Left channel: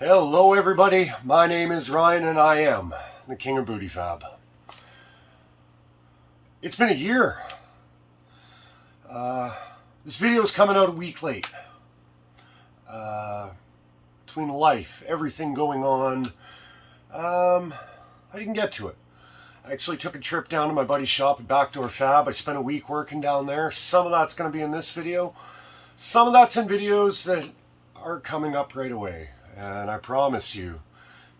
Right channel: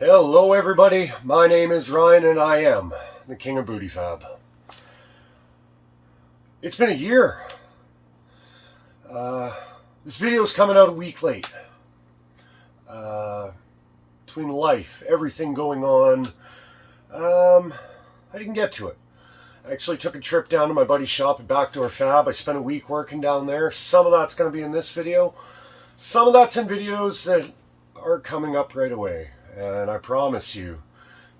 Hello everybody, my name is Ryan and I am the King of Booty Fab. It's been a year. This video is coming out a week late. Between life, everything going on, I didn't get to it. I actually took a trip down to my buddy's shop at Backdoor Fab. I spent a week working down there. Some of that's going to be in this video. Some of that's in videos that are coming up right away. And I promise you,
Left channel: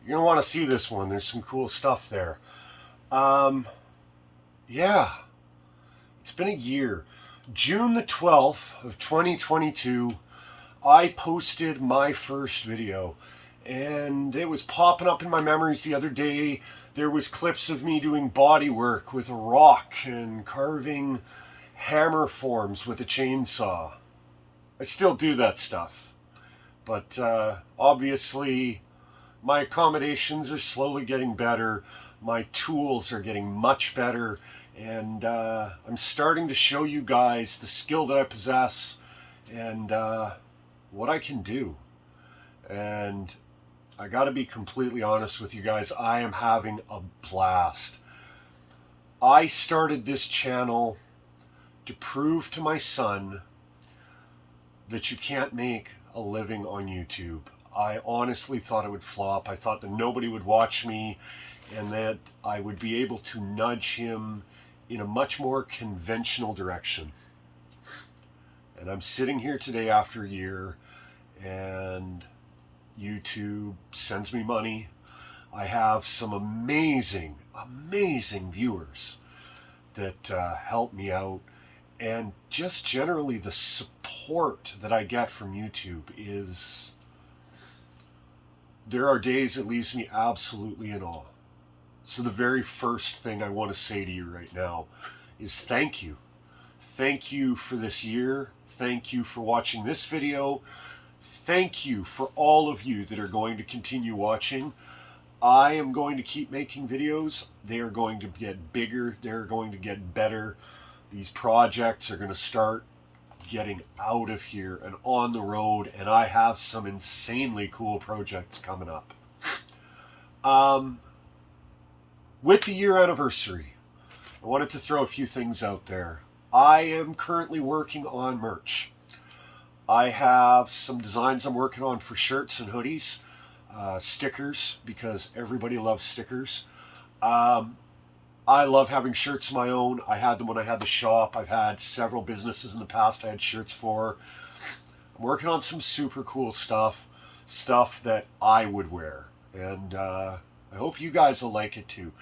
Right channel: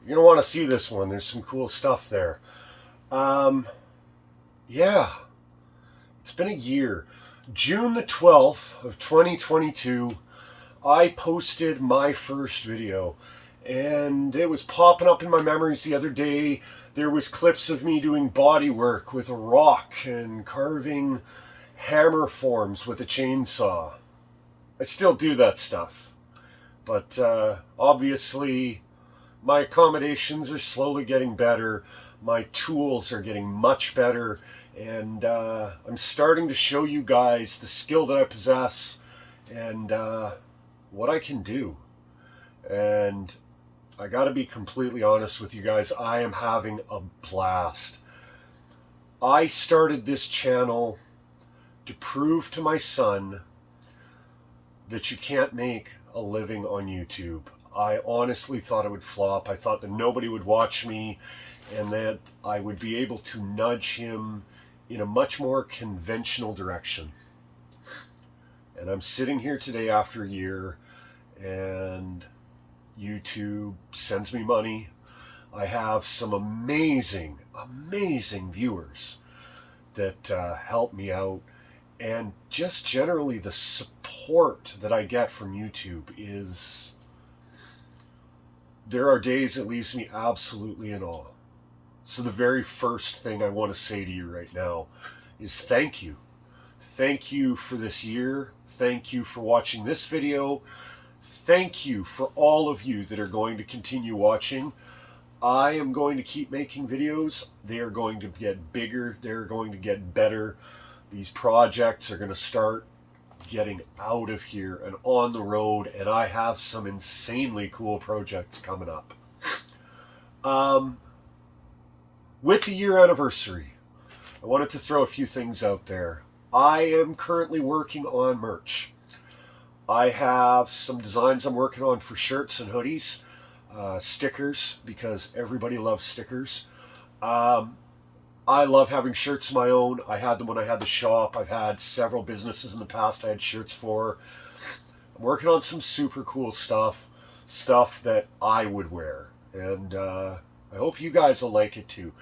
you're going to want to see this one. There's some cool stuff there. Yeah, it's been a year. June the 12th of 2022, I posted my first video. And it was popping up in my memories the other day. There was clips of me doing body work with a rock and carving hammer forms with a chainsaw. I still do that stuff. But obviously, my accommodations are slowly getting better. My tools are getting much better. And I'm starting to show you guys the skill that I possess and what I can do. And I got to be completely honest with you guys. I am having a blast. I started this channel to prove to my son that you can't make a living on YouTube. I honestly thought it would flop. I thought that nobody would watch me and that I would be able to nudge him in a much more conventional direction. And I'm sitting here today after a year and YouTube sends me money. I have some amazing viewers that help me out. And just generally the support that I get from YouTube is, there are days it leaves me absolutely in awe. So the very first thing I want to say to you right now is thank you. Thank you for this year. Thank you for watching this video. Thank you for all of you that are going to continue watching. I am going to keep making videos. They are going to get bigger. They're going to get better. These projects are going to start getting out of here and on the road, and I have some insanely cool projects coming up. With the year anniversary, I wanted to throw a few things out there. I am currently working on merch. I have some designs I'm working on for shirts and hoodies, stickers, because everybody loves stickers. I love having shirts of my own. I had them when I had the shop. I've had several businesses in the past I had shirts for. I'm working on some super cool stuff that I would wear. And I hope you guys will like it too.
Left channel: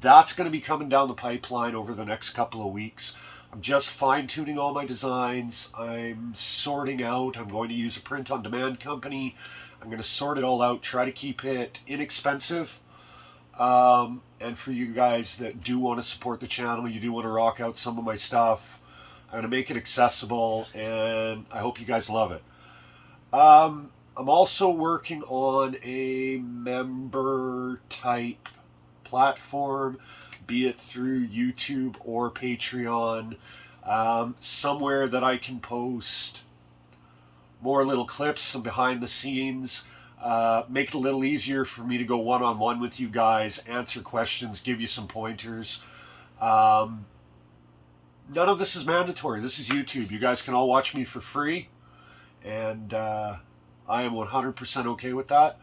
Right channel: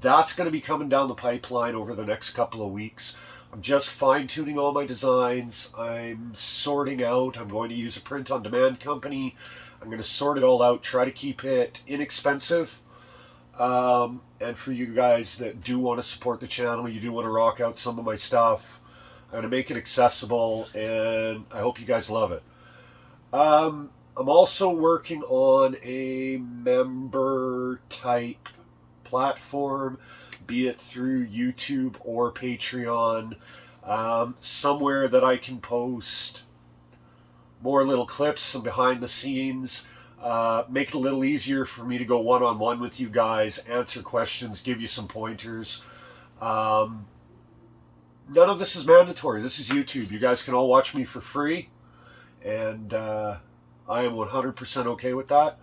That's going to be coming down the pipeline over the next couple of weeks. I'm just fine-tuning all my designs. I'm sorting out. I'm going to use a print-on-demand company. I'm going to sort it all out, try to keep it inexpensive. And for you guys that do want to support the channel, you do want to rock out some of my stuff, I'm going to make it accessible, and I hope you guys love it. I'm also working on a member type platform, be it through YouTube or Patreon, somewhere that I can post more little clips, some behind the scenes, make it a little easier for me to go one-on-one with you guys, answer questions, give you some pointers. None of this is mandatory. This is YouTube. You guys can all watch me for free, and I am 100% okay with that.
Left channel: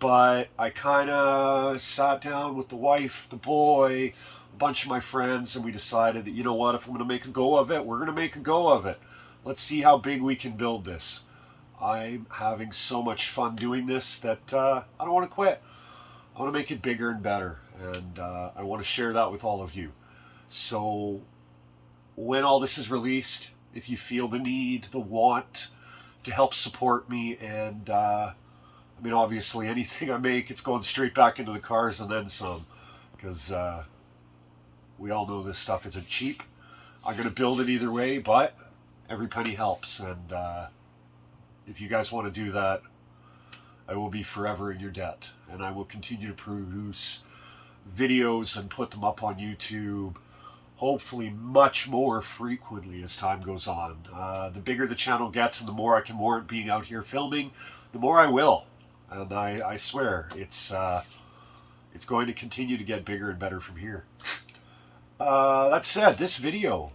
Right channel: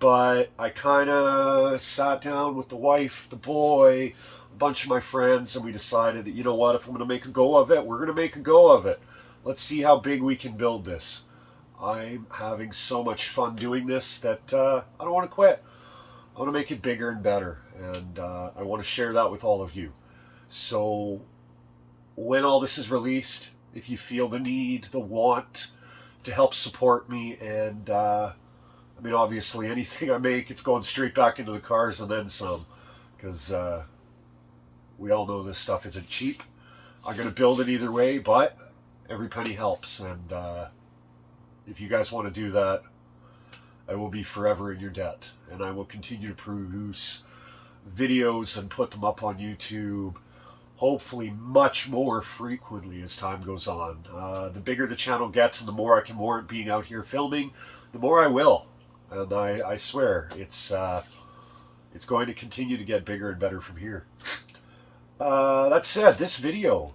But I kind of sat down with the wife, the boy, a bunch of my friends, and we decided that, you know what, if I'm going to make a go of it, we're going to make a go of it. Let's see how big we can build this. I'm having so much fun doing this that I don't want to quit. I want to make it bigger and better, and I want to share that with all of you. So when all this is released, if you feel the need, the want to help support me, and I mean, obviously anything I make, it's going straight back into the cars and then some, because we all know this stuff isn't cheap. I'm going to build it either way, but every penny helps, and if you guys want to do that, I will be forever in your debt, and I will continue to produce videos and put them up on YouTube, hopefully much more frequently as time goes on. The bigger the channel gets and the more I can warrant being out here filming, the more I will. and I swear it's going to continue to get bigger and better from here. That said, this video,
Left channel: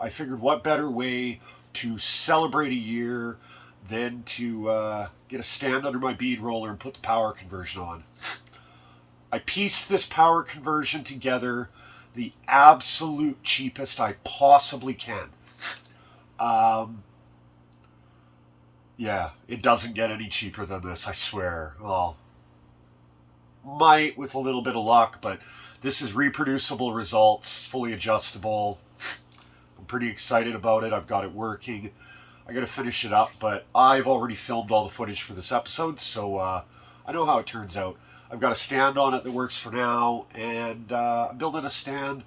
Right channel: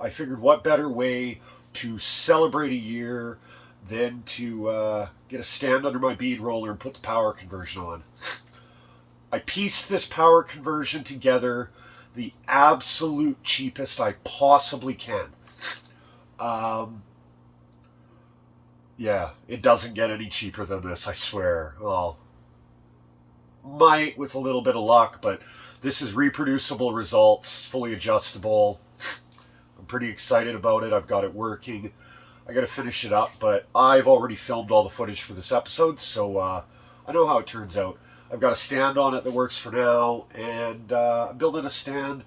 I figured what better way to celebrate a year than to get a stand under my bead roller and put the power conversion on. I pieced this power conversion together the absolute cheapest I possibly can. Yeah, it doesn't get any cheaper than this, I swear. Well, might with a little bit of luck, but this is reproducible results, fully adjustable. I'm pretty excited about it. I've got it working. I got to finish it up, but I've already filmed all the footage for this episode, so I know how it turns out. I've got a stand on it that works for now, and I'm building a stand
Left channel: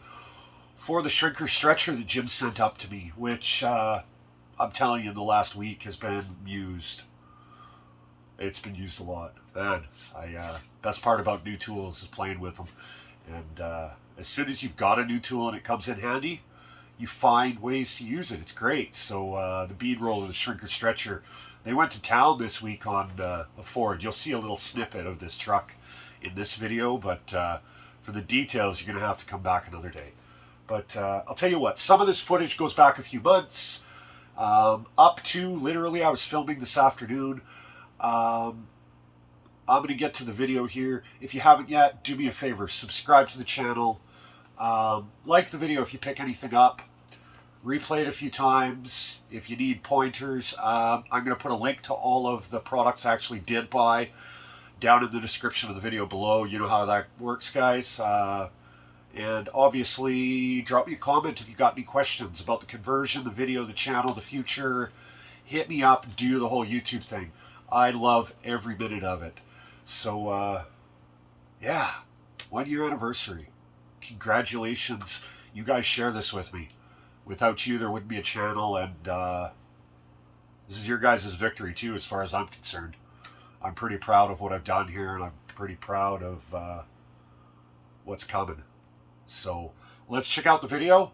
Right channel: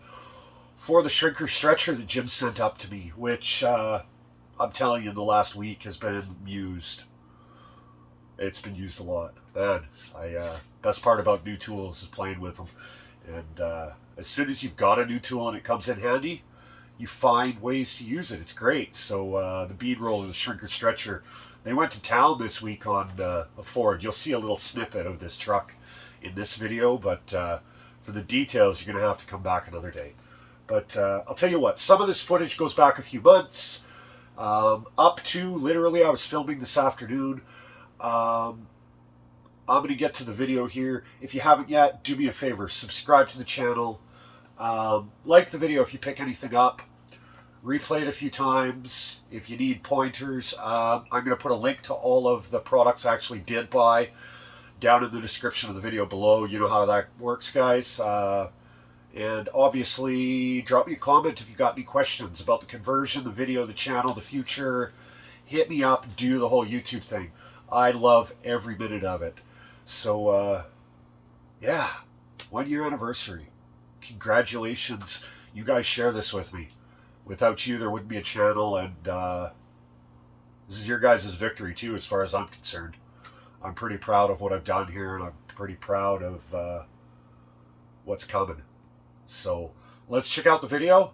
for the shrinker stretcher that Jim sent up to me, which I'm telling you, in the last week has been used. It's been used a lot. Man, best part about new tools is playing with them. And as soon as you've got a new tool and it comes in handy, you find ways to use it. It's great. So the bead roller, the shrinker stretcher, they went to town this week on a Ford. You'll see a little snippet of this truck in this video, but for the details, you're going to have to come back another day. But I'll tell you what, some of this footage goes back a few months, up to literally I was filming this afternoon. I'm going to get to the video here. If you haven't yet, do me a favor, subscribe to the channel, like the video if you pick anything up, replay it a few times. If you need pointers, I'm going to put a link to all of the products I actually did buy down in the description of the video below. You know how that works, guys. And obviously, drop me a comment if you got any questions about the conversion, the video, the channel, the future. Hit me up, do the whole YouTube thing. I love every minute of it. So, yeah, 1 year anniversary. Congratulations. You guys share this with me. Without you, there wouldn't be a channel, and this is your guys' victory, too, as far as I'm concerned. I'm pretty proud of what I've done here, and I'm pretty proud of what's coming. So let's check out the video,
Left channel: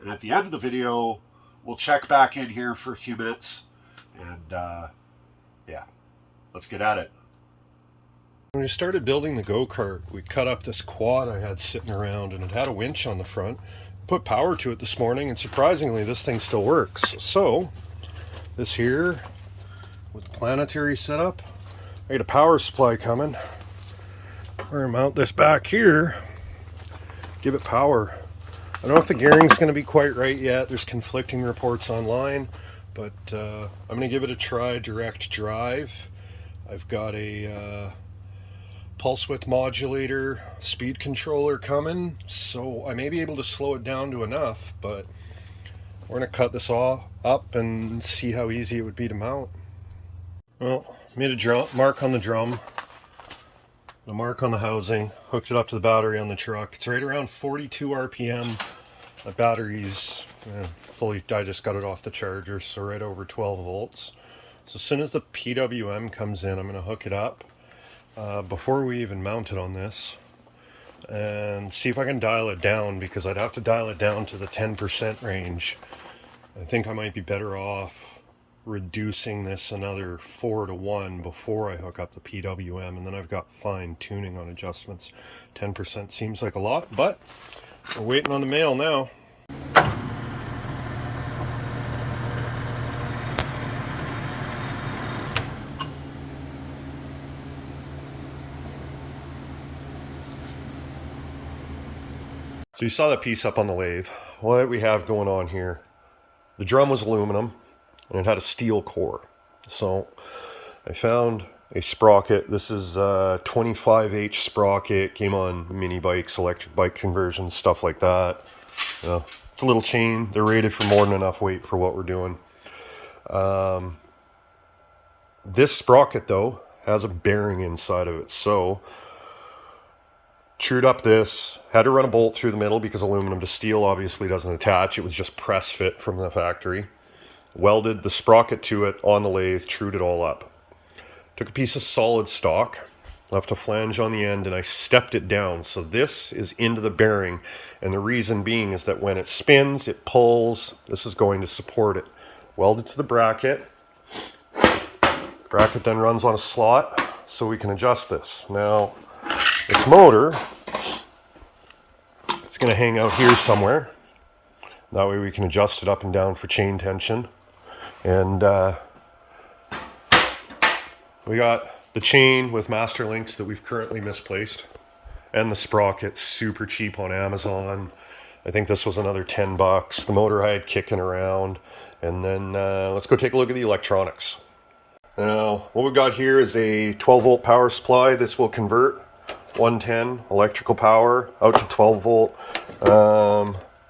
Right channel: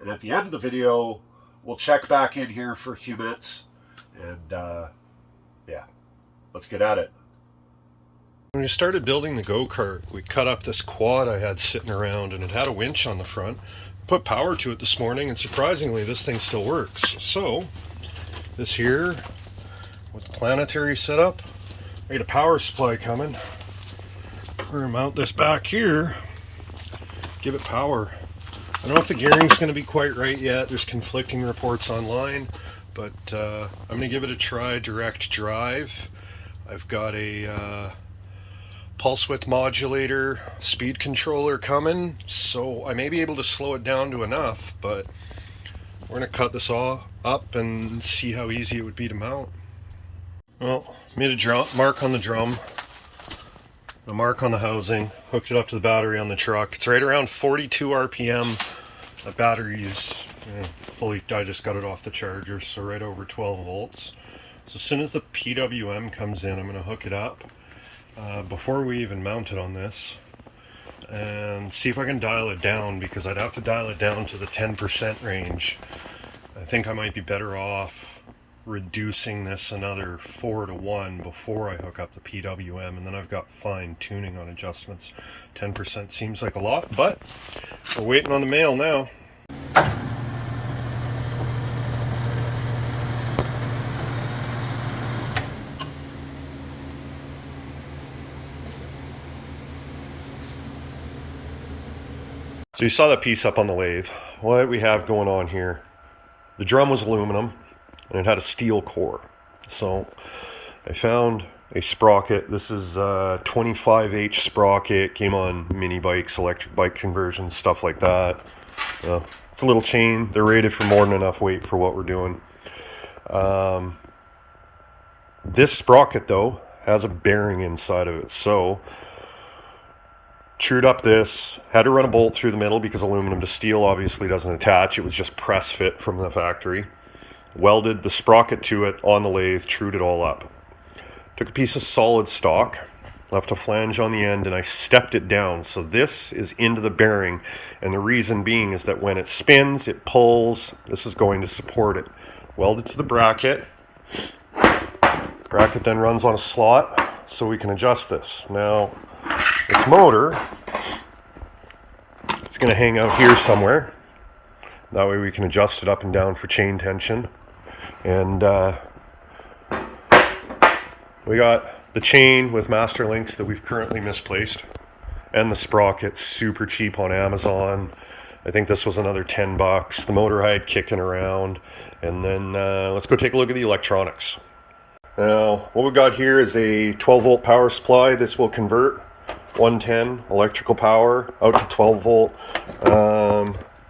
and at the end of the video, we'll check back in here for a few minutes, and yeah, let's get at it. When we started building the go-kart, we cut up this quad I had sitting around, and it had a winch on the front. Put power to it this morning, and surprisingly this thing still works. So this here with the planetary setup, I got a power supply coming. We're gonna mount this back here, give it power. I don't know if the gearing's going to be quite right yet. There's conflicting reports online, but I'm going to give it a try. Direct drive. I've got a pulse width modulator speed controller coming, so I may be able to slow it down to enough, but we're going to cut this all up and see how easy it would be to mount. Well, made a mark on the drum, a mark on the housing, hooked it up to the battery on the truck. It's right around 42 RPM. The battery's fully, I just got it off the charger, so right over 12 volts. So as soon as the PWM comes in, I'm going to hook it up before we even mount it on this and see if I can dial it down, because I'd have to dial it down to the 10% range. I think I might be better off reducing this another 4 to 1 before I hook up the PWM, and then I've got fine tuning on adjustments. 10% seems like a lot, but we're waiting on the mail now. So you saw that piece up on the lathe. What we have going on here, the drum was aluminum and it had a steel core. So I found a sprocket. This is a 25H sprocket, came on mini bikes, electric bike conversions, stuff like that. It's a little chain. They're rated for more than enough weight for what we're doing. This sprocket though has a bearing inside of it. So chewed up this, had to run a bolt through the middle because aluminum to steel obviously doesn't attach. It was just press fit from the factory. Welded the sprocket to it on the lathe, trued it all up. Took a piece of solid stock, left a flange on the end, and I stepped it down. So this is into the bearing, and the reason being is that when it spins, it pulls. This is going to support it. Welded to the bracket. Bracket then runs on a slot, so we can adjust this. Now, this motor is going to hang out here somewhere. That way we can adjust it up and down for chain tension. And we got the chain with master links that we've currently misplaced, and the sprocket, super cheap on Amazon. I think this was another 10 bucks. The motor I had kicking around. And then let's go take a look at the electronics. Now, what we got here is a 12 volt power supply. This will convert 110 electrical power out to 12 volt.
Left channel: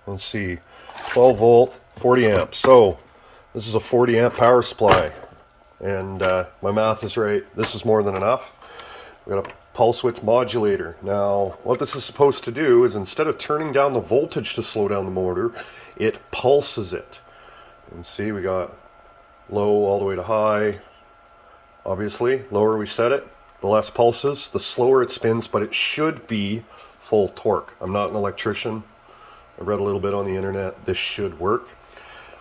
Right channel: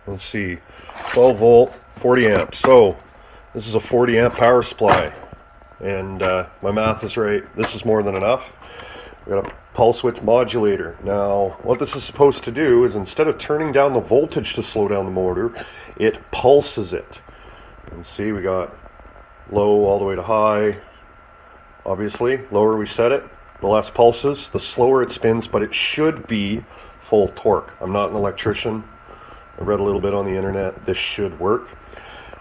Let's see, 12 volt, 40 amps. So this is a 40 amp power supply. And my math is right. This is more than enough. We got a pulse width modulator. Now, what this is supposed to do is, instead of turning down the voltage to slow down the motor, it pulses it. And see, we got low all the way to high. Obviously, lower we set it, the less pulses, the slower it spins, but it should be full torque. I'm not an electrician. I read a little bit on the internet. This should work.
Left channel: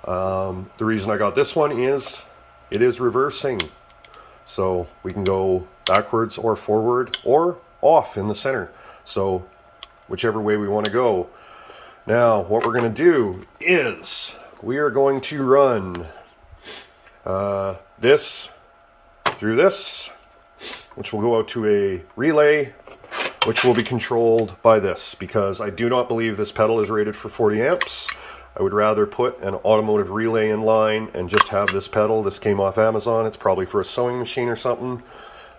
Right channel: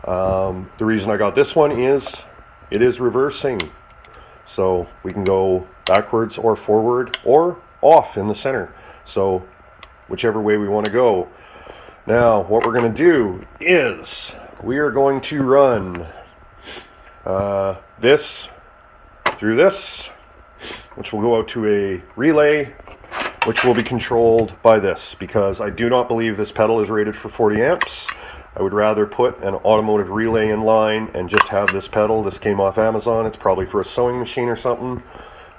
The reason I got this one is it is reversing. So we can go backwards or forward or off in the center. So whichever way we want to go. Now, what we're going to do is we are going to run this through this, which will go out to a relay, which will be controlled by this, because I do not believe this pedal is rated for 40 amps. I would rather put an automotive relay in line and just have this pedal. This came off Amazon. It's probably for a sewing machine or something.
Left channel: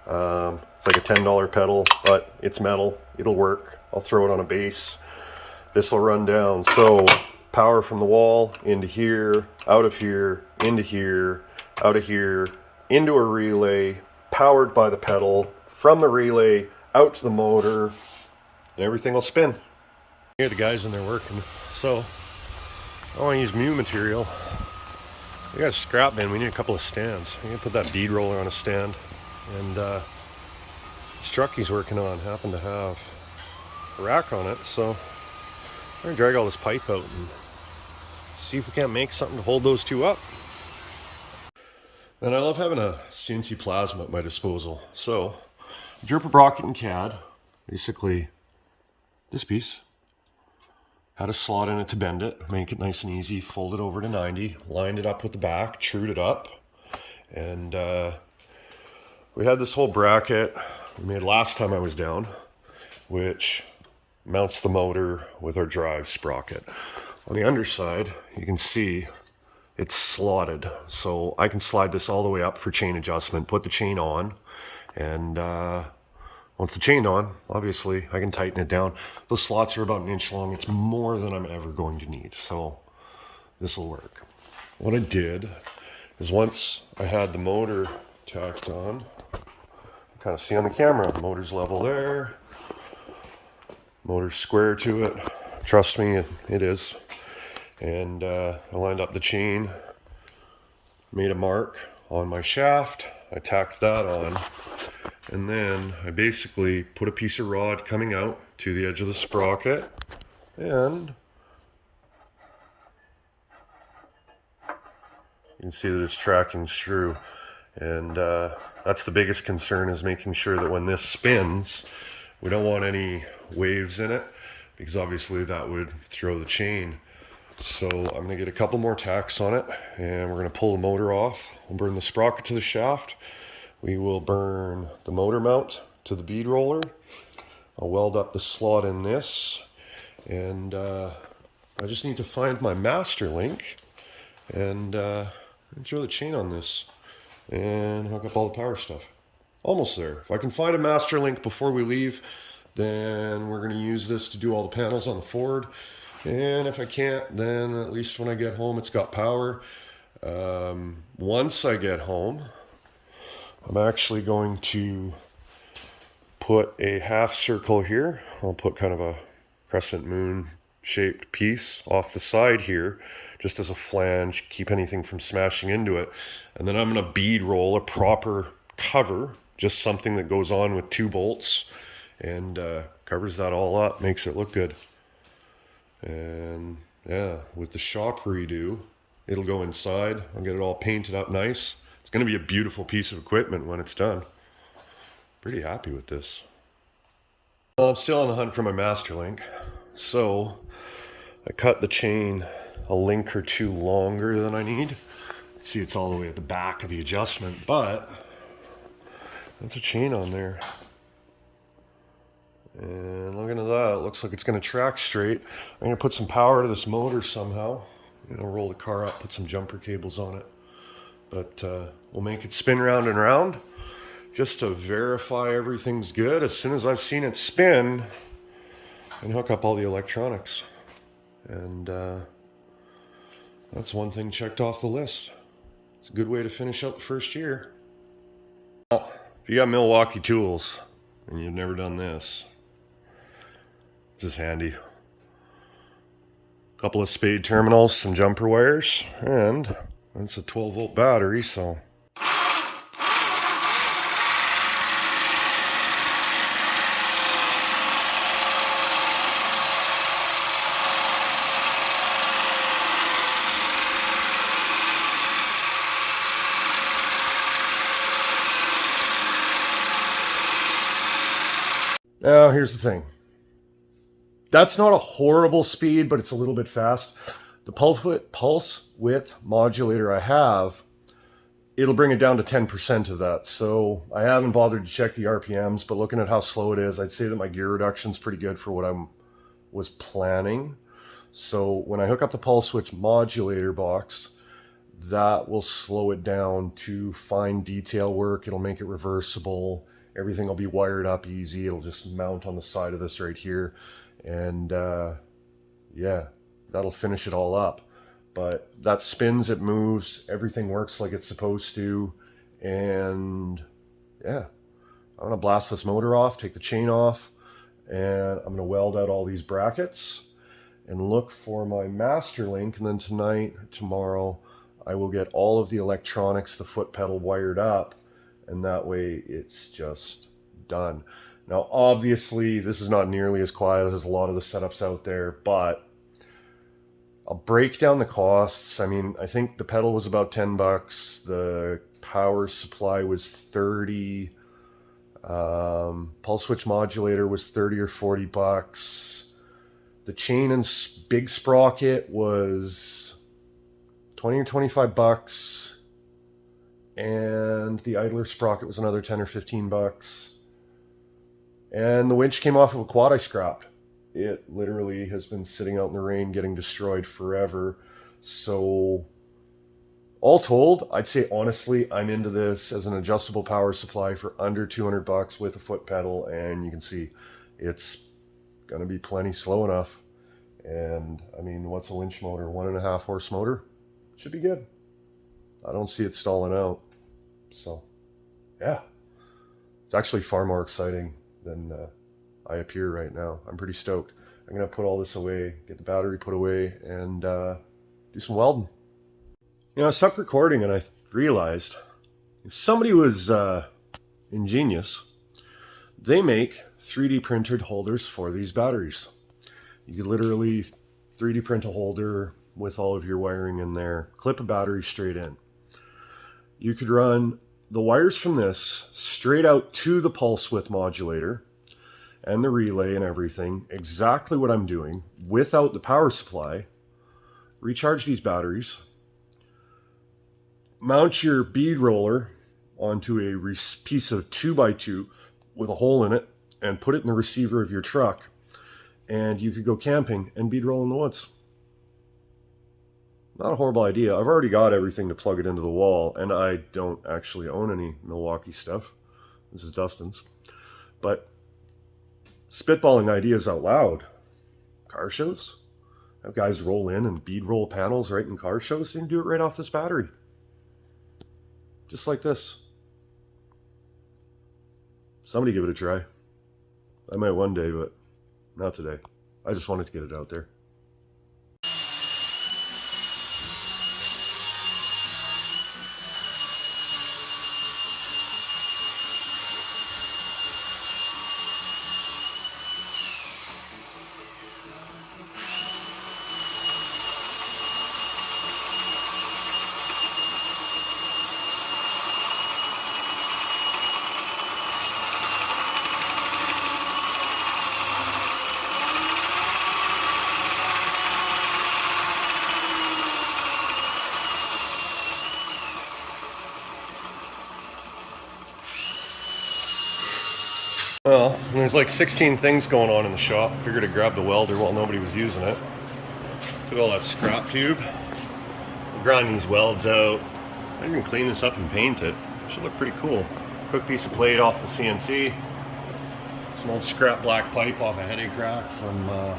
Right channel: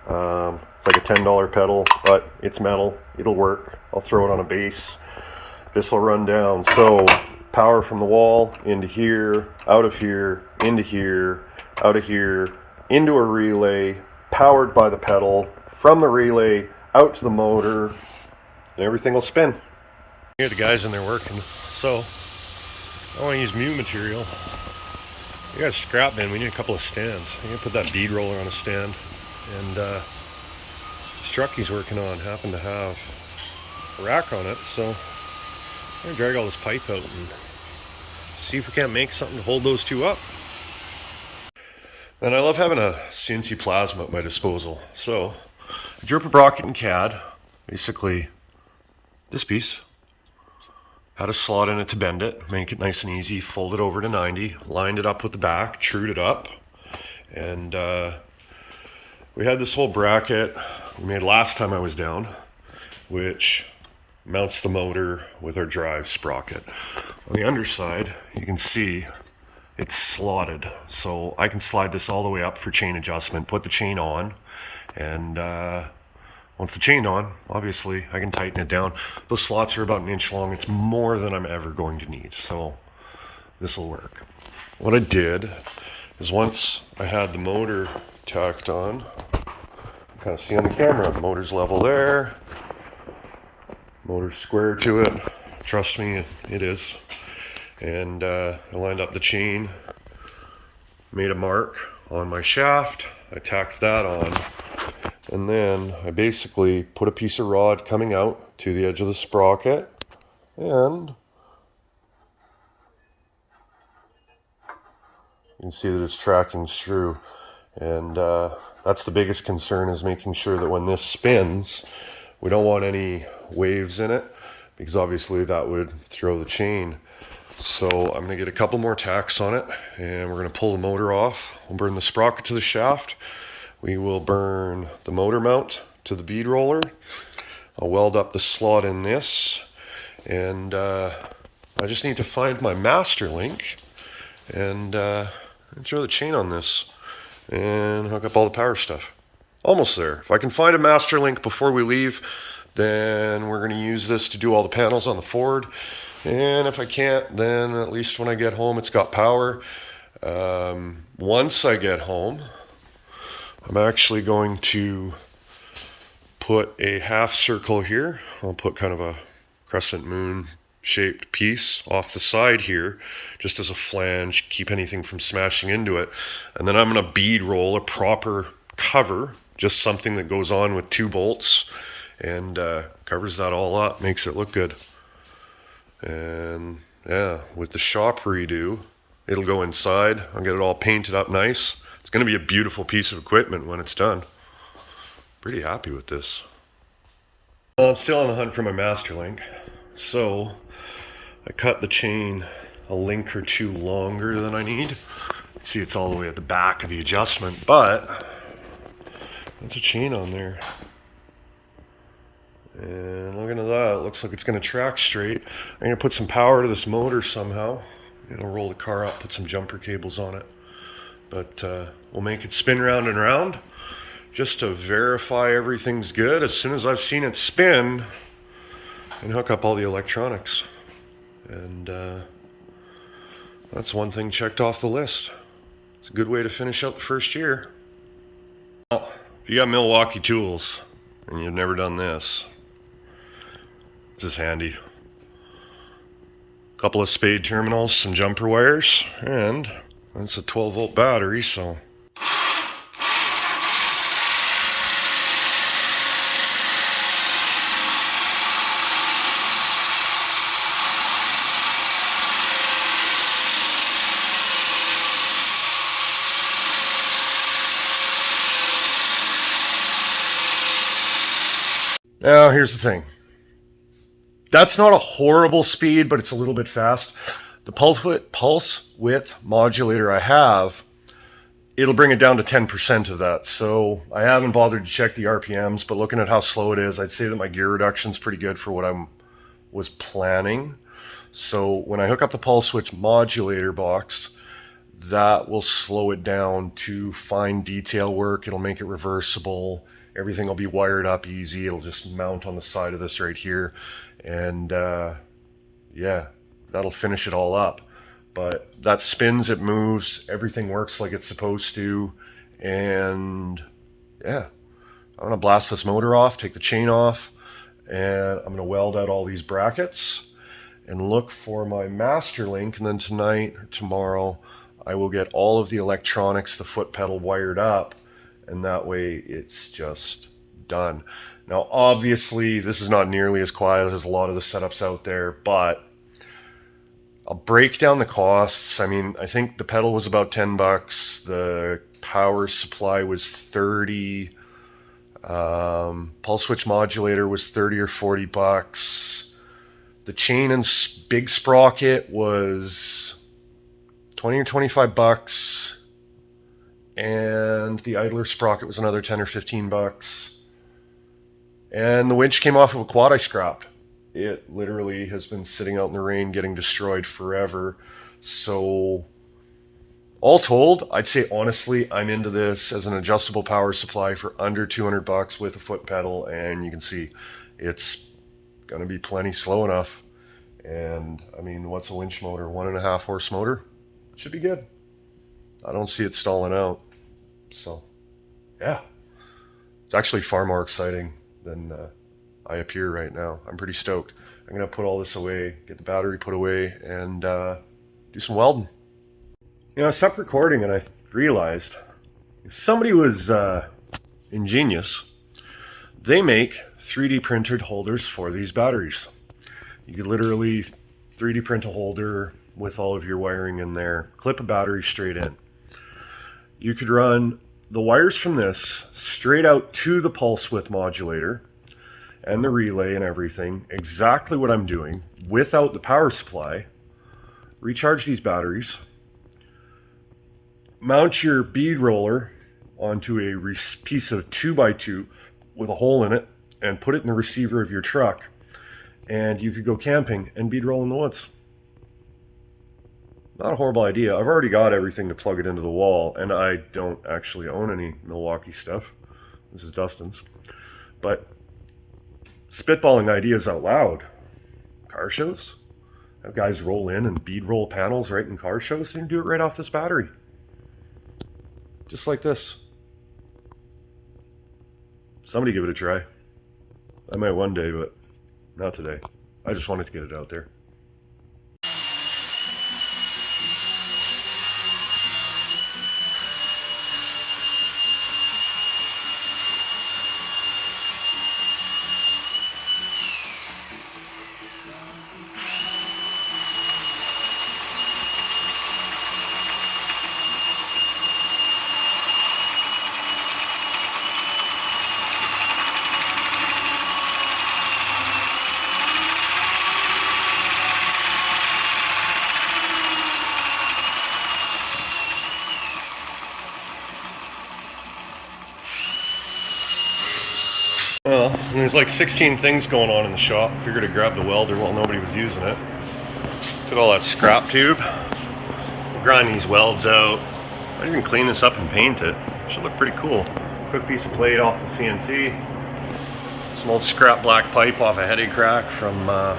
It's like a $10 pedal, but it's metal. It'll work. I'll throw it on a base. This will run down. So power from the wall into here, out of here, into here, out of here, into a relay, powered by the pedal, from the relay out to the motor, and everything will spin. Here the guys in there working. So I want to use Mew material. We got a scrap bin. We need a couple of stands. I'm gonna put that bead roller on a stand. And this truck he's working on happened to have a rack on it, so I'm gonna drag all this pipe out and see if we can't make something to hold those two up. And I love having a CNC plasma at my disposal. So I drew up a bracket in CAD, basically this piece. Had a slot in it to bend it, make it nice and easy, fold it over to 90, lined it up with the back, trued it up, and we had this whole bracket we made last time I was down, which mounts the motor with our drive sprocket. On the underside, you can see it's slotted, so I can slide this all the way up for chain adjustment, put the chain on, and once the chain's on, obviously, I can tighten it down. Those slots are about an inch long. It's more than I'm ever going to need, so this will work. What I did is, once I had the motor tacked on, you kind of see on the camera, motor's level there, motor's square to it. Trust me, it is. And I lined up the chain, made a mark on my shaft, I tacked that on, and then I basically put a piece of rod coming out to the edge of the sprocket, and you can see that it's tracking through. And that's the biggest concern, is making sure that when this spins, we don't want any waves in it, because obviously that would throw the chain. So I'm going to get a couple more tacks on it, and we're going to pull the motor off. We'll burn the sprocket to the shaft. We will burn the motor mount to the bead roller. I'll weld up the slot in this, and I just need to find my master link and throw the chain on this and hook up all the power stuff. Almost there. If I can find a master link before we leave, then we're going to use this to do all the panels on the Ford. And if I can't, then at least when I get home, it's got power. Once I get home, I'm actually going to put a half circle here. I'll put kind of a crescent moon shaped piece off the side here, just as a flange, keep anything from smashing into it. And then I'm going to bead roll a proper cover, just something that goes on with 2 bolts and covers that all up, makes it look good. And yeah, with the shop redo, it'll go inside. I'll get it all painted up nice. It's going to be a beautiful piece of equipment when it's done. Pretty happy with this. Well, I'm still on the hunt for my master link, so I cut the chain a link or two longer than I need. See, it's all the way at the back of the adjustment, but that's a chain on there. And looking at that, it looks like it's going to track straight. I'm going to put some power to this motor somehow. Roll the car up, put some jumper cables on it. But we'll make it spin round and round just to verify everything's good. As soon as I've seen it spin, and hook up all the electronics. And that's one thing checked off the list. It's a good way to finish out the first year. Well, if you got Milwaukee tools and you've never done this, this is handy. A couple of spade terminals, some jumper wires, and it's a 12-volt battery, so now here's the thing. That's not a horrible speed, but it's a little bit fast. The pulse width modulator I have, it'll bring it down to 10% of that. So I haven't bothered to check the RPMs, but looking at how slow it is, I'd say that my gear reduction is pretty good for what I was planning. So when I hook up the pulse width modulator box, that will slow it down to fine detail work. It'll make it reversible. Everything will be wired up easy. It'll just mount on the side of this right here. And yeah, that'll finish it all up. But that spins, it moves, everything works like it's supposed to. And yeah, I'm gonna blast this motor off, take the chain off, and I'm gonna weld out all these brackets and look for my master link. And then tonight or tomorrow, I will get all of the electronics, the foot pedal wired up, and that way it's just done. Now, obviously, this is not nearly as quiet as a lot of the setups out there, but I'll break down the costs. I mean, I think the pedal was about 10 bucks. The power supply was 30. Pulse switch modulator was 30 or 40 bucks. The chain and big sprocket was 20 or 25 bucks. And the idler sprocket was another 10 or 15 bucks. And the winch came off of a quad I scrapped. It literally has been sitting out in the rain getting destroyed forever. So all told, I'd say honestly, I'm into this as an adjustable power supply for under 200 bucks with a foot pedal. And you can see it's going to be plenty slow enough. And I mean, what's a winch motor? 1.5 horse motor? Should be good. I don't see it stalling out. So yeah, it's actually far more exciting than I appear right now. I'm pretty stoked. I'm gonna put all this away, get the battery put away, and do some welding. I stopped recording and I realized if somebody was ingenious, they make 3D printed holders for these batteries. You could literally 3D print a holder with all of your wiring in there, clip a battery straight in. You could run the wires from this straight out to the pulse width modulator and the relay and everything, exactly what I'm doing without the power supply. Recharge these batteries, mount your bead roller onto a piece of 2x2 with a hole in it and put it in the receiver of your truck, and you could go camping and bead roll in the woods. Not a horrible idea. I've already got everything to plug it into the wall, and I don't actually own any Milwaukee stuff. This is Dustin's. But spitballing ideas out loud. Car shows? Have guys roll in and bead roll panels right in car shows? They can do it right off this battery. Just like this. Somebody give it a try. I might one day, but not today. I just wanted to get it out there. Well, and there's like 16 things going on in the shop. Figured I'd grab the welder while nobody was using it. Took all that scrap tube. We'll grind these welds out. Might even clean this up and paint it. Should look pretty cool. Quick piece of plate off the CNC. Some old scrap black pipe off a headache crack from the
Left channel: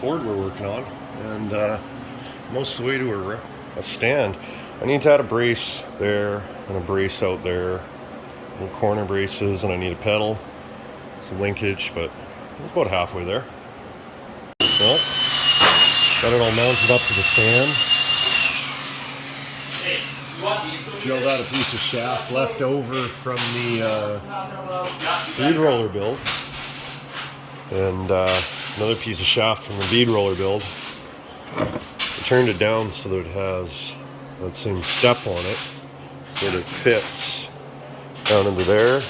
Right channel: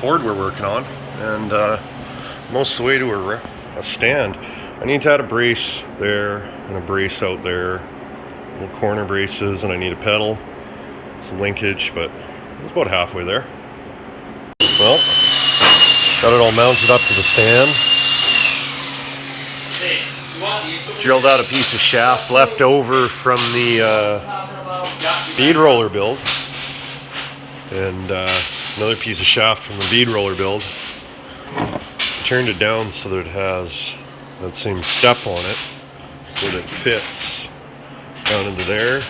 Ford we're working on. And most of the way to a stand. I need to add a brace there and a brace out there. Little corner braces, and I need a pedal. Some linkage, but it's about halfway there. Well, got it all mounted up to the stand. Drilled out a piece of shaft left over from the bead roller build, and another piece of shaft from the bead roller build. I turned it down so that it has that same step on it, so that it fits down into there.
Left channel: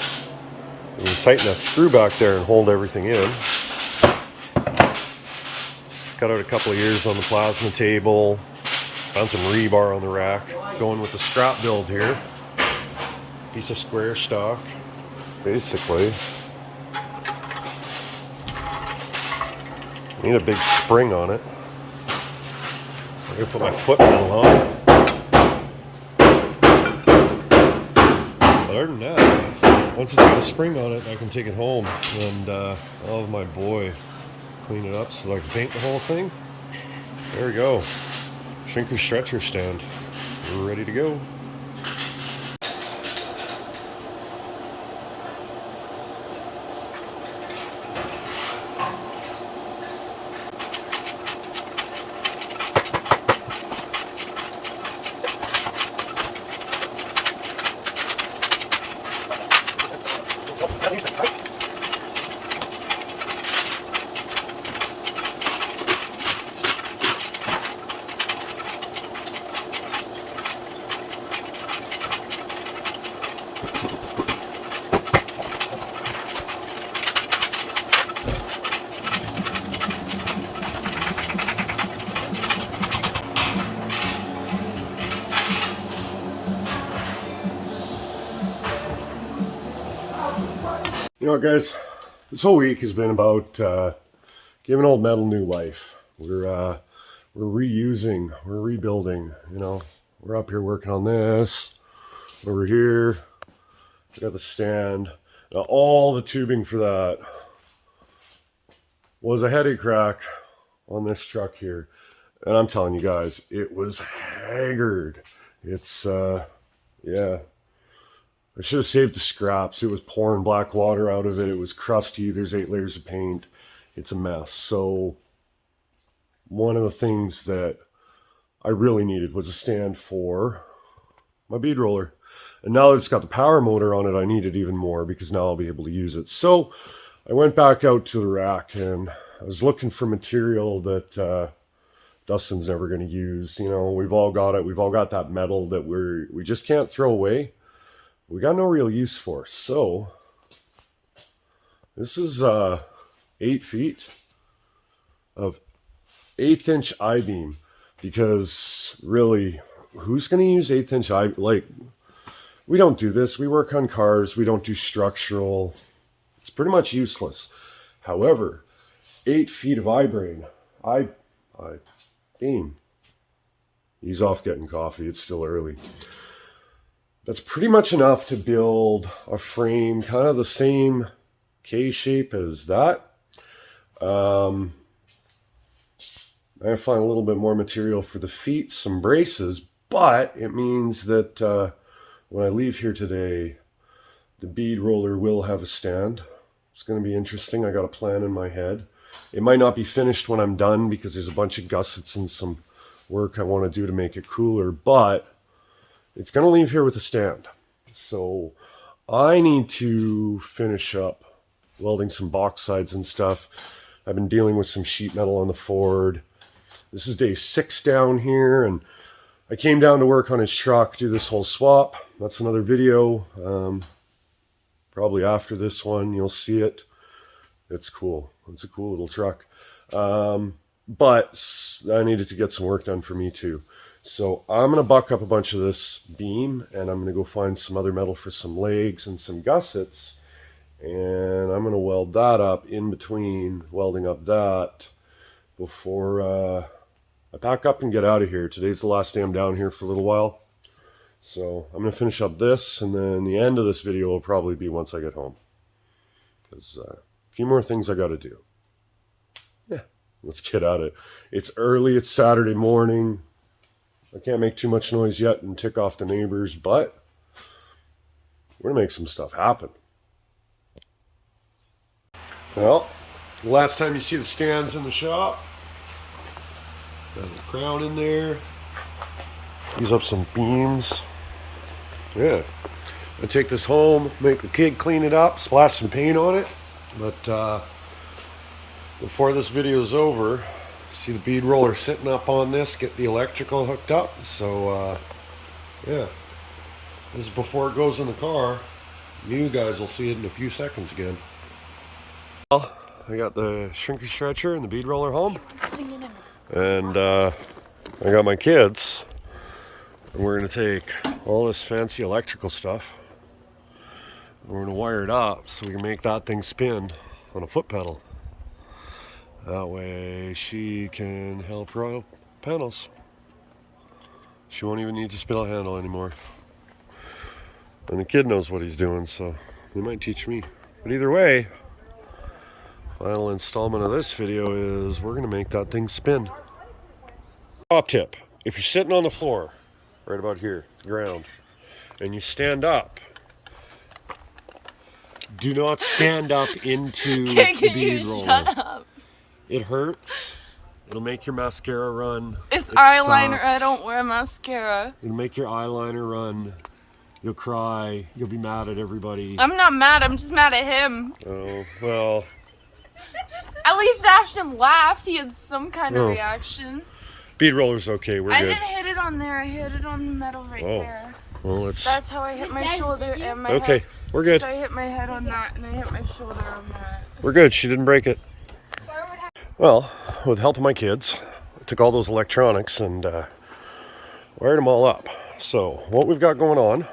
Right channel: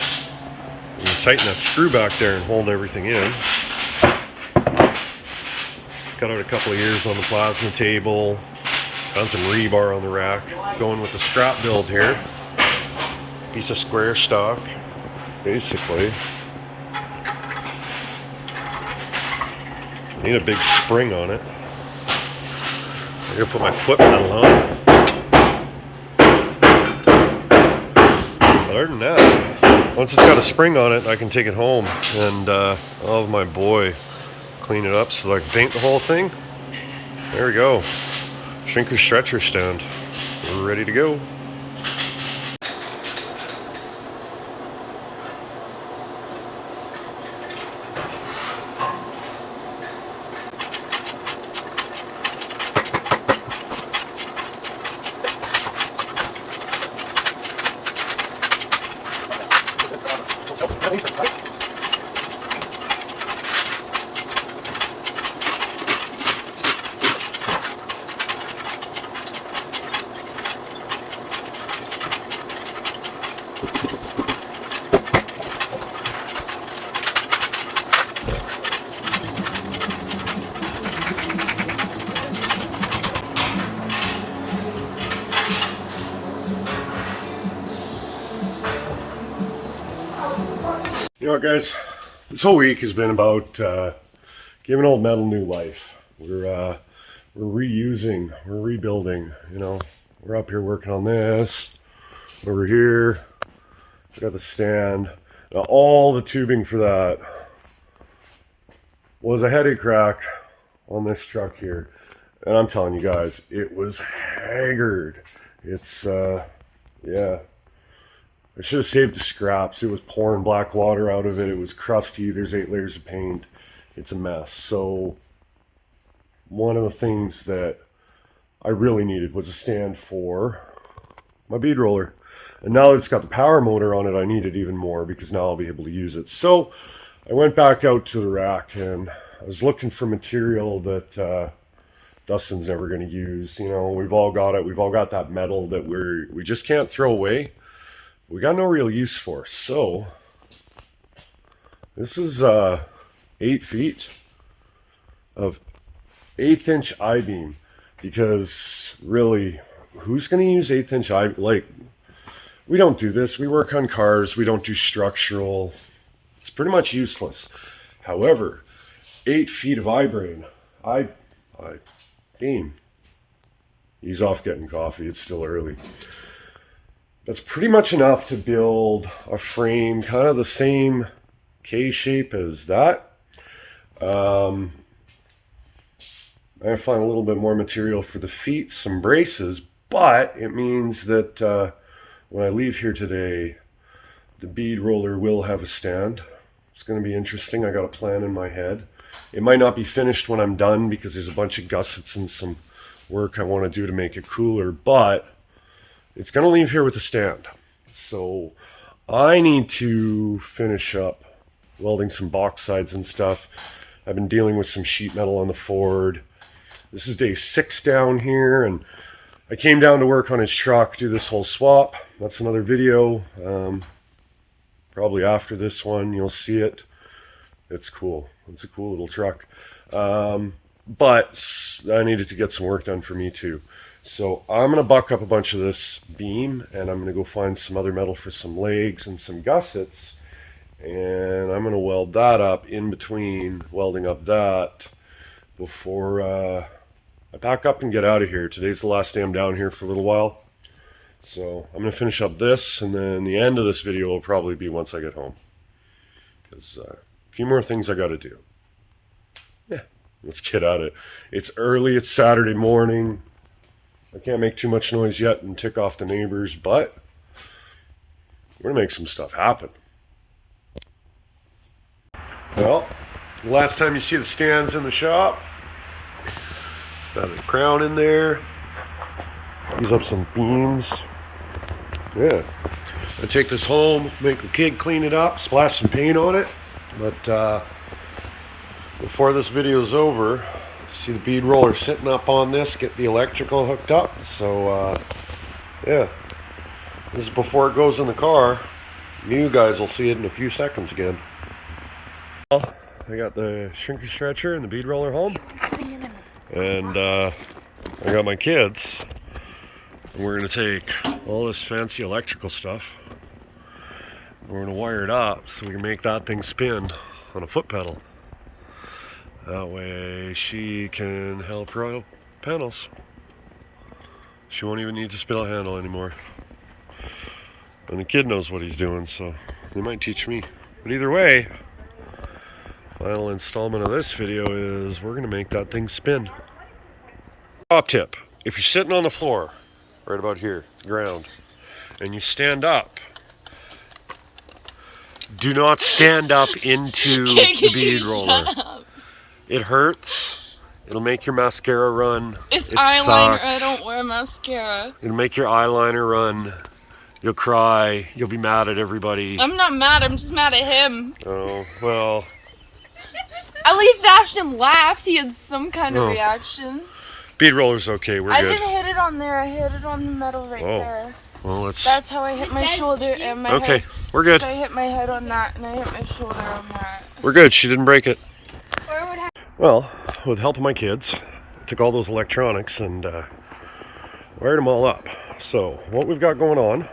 You can tighten that screw back there and hold everything in. Cut out a couple of ears on the plasma table. Found some rebar on the rack. Going with the scrap build here. Piece of square stock, basically. Need a big spring on it. I gotta put my foot pedal on. Other than that, once it's got a spring on it, I can take it home and I'll have my boy clean it up so that I can paint the whole thing. There we go. Shrinker stretcher stand. We're ready to go. You know what, guys? This whole week has been about giving old metal new life. We're reusing, we're rebuilding. You know, we're up here working on this. Over here, we got the stand. Now, all the tubing for that was a headache crack on this truck here, and I'm telling you guys, it was haggard. It's yeah. I should have saved the scraps. It was pouring black water out of it. It was crusty. There's 8 layers of paint. It's a mess. So one of the things that I really needed was a stand for my bead roller. And now that it's got the power motor on it, I need it even more because now I'll be able to use it. So I went back out to the rack and I was looking for material that Dustin's never going to use. You know, we've all got it. We've all got that metal that we just can't throw away. We got no real use for. So this is 8 feet of 1/8 inch I-beam, because really, who's going to use 1/8 inch I-beam? Like, we don't do this. We work on cars. We don't do structural. It's pretty much useless. However, 8 feet of I-beam. He's off getting coffee. It's still early. That's pretty much enough to build a frame, kind of the same K-shape as that. I find a little bit more material for the feet, some braces, but it means that when I leave here today, the bead roller will have a stand. It's going to be interesting. I got a plan in my head. It might not be finished when I'm done because there's a bunch of gussets and some work I want to do to make it cooler, but it's going to leave here with a stand. So I need to finish up welding some box sides and stuff. I've been dealing with some sheet metal on the Ford. This is day 6 down here, and I came down to work on his truck, do this whole swap. That's another video. Probably after this one, you'll see it. It's cool. It's a cool little truck. But I needed to get some work done for me too. So I'm going to buck up a bunch of this beam, and I'm going to go find some other metal for some legs and some gussets. And I'm going to weld that up in between welding up that before I pack up and get out of here. Today's the last day I'm down here for a little while. So I'm going to finish up this, and then the end of this video will probably be once I get home. Because a few more things I got to do. Yeah, let's get at it. It's early, it's Saturday morning. I can't make too much noise yet and tick off the neighbors, but we're going to make some stuff happen. Well, the last time you see the stands in the shop, got the crown in there. Use up some beams. Yeah. I take this home, make the kid clean it up, splash some paint on it. But before this video is over, see the bead roller sitting up on this, get the electrical hooked up. So yeah, this is before it goes in the car. You guys will see it in a few seconds again. Well, I got the shrinker stretcher and the bead roller home. And I got my kids. And we're going to take all this fancy electrical stuff. We're going to wire it up so we can make that thing spin on a foot pedal. That way she can help roll panels. She won't even need to spin a handle anymore. And the kid knows what he's doing, so he might teach me. But either way, final installment of this video is we're going to make that thing spin. Top tip, if you're sitting on the floor, right about here, the ground, and you stand up, do not stand up into the bead roller. Shut up. It hurts. It'll make your mascara run. It's it eyeliner. sucks. I don't wear mascara. It'll make your eyeliner run. You'll cry. You'll be mad at everybody. I'm not mad. I'm just mad at him. Oh, well. At least Ashton laughed. He had some kind of reaction. Bead roller's okay. We're good. I didn't hit it on there. I hit it on the metal right there. Well, let's... That's how I hit my shoulder and my Okay, head. we're good. So I hit my head on that and I hit my shoulder on that. We're good. She didn't break it. Well, with the help of my kids, I took all those electronics and wired them all up. So what we've got going on,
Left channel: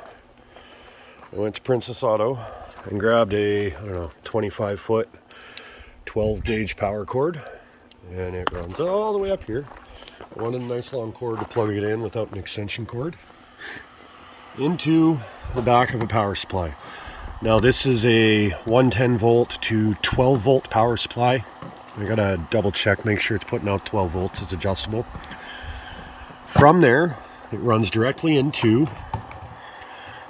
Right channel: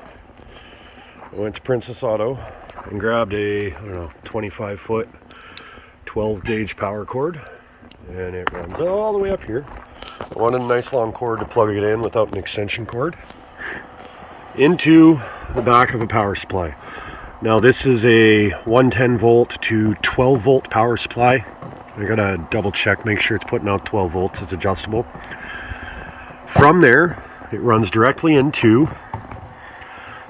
I went to Princess Auto and grabbed a, I don't know, 25-foot 12 gauge power cord, and it runs all the way up here. I wanted a nice long cord to plug it in without an extension cord into the back of a power supply. Now this is a 110 volt to 12 volt power supply. I gotta double check, make sure it's putting out 12 volts, it's adjustable. From there, it runs directly into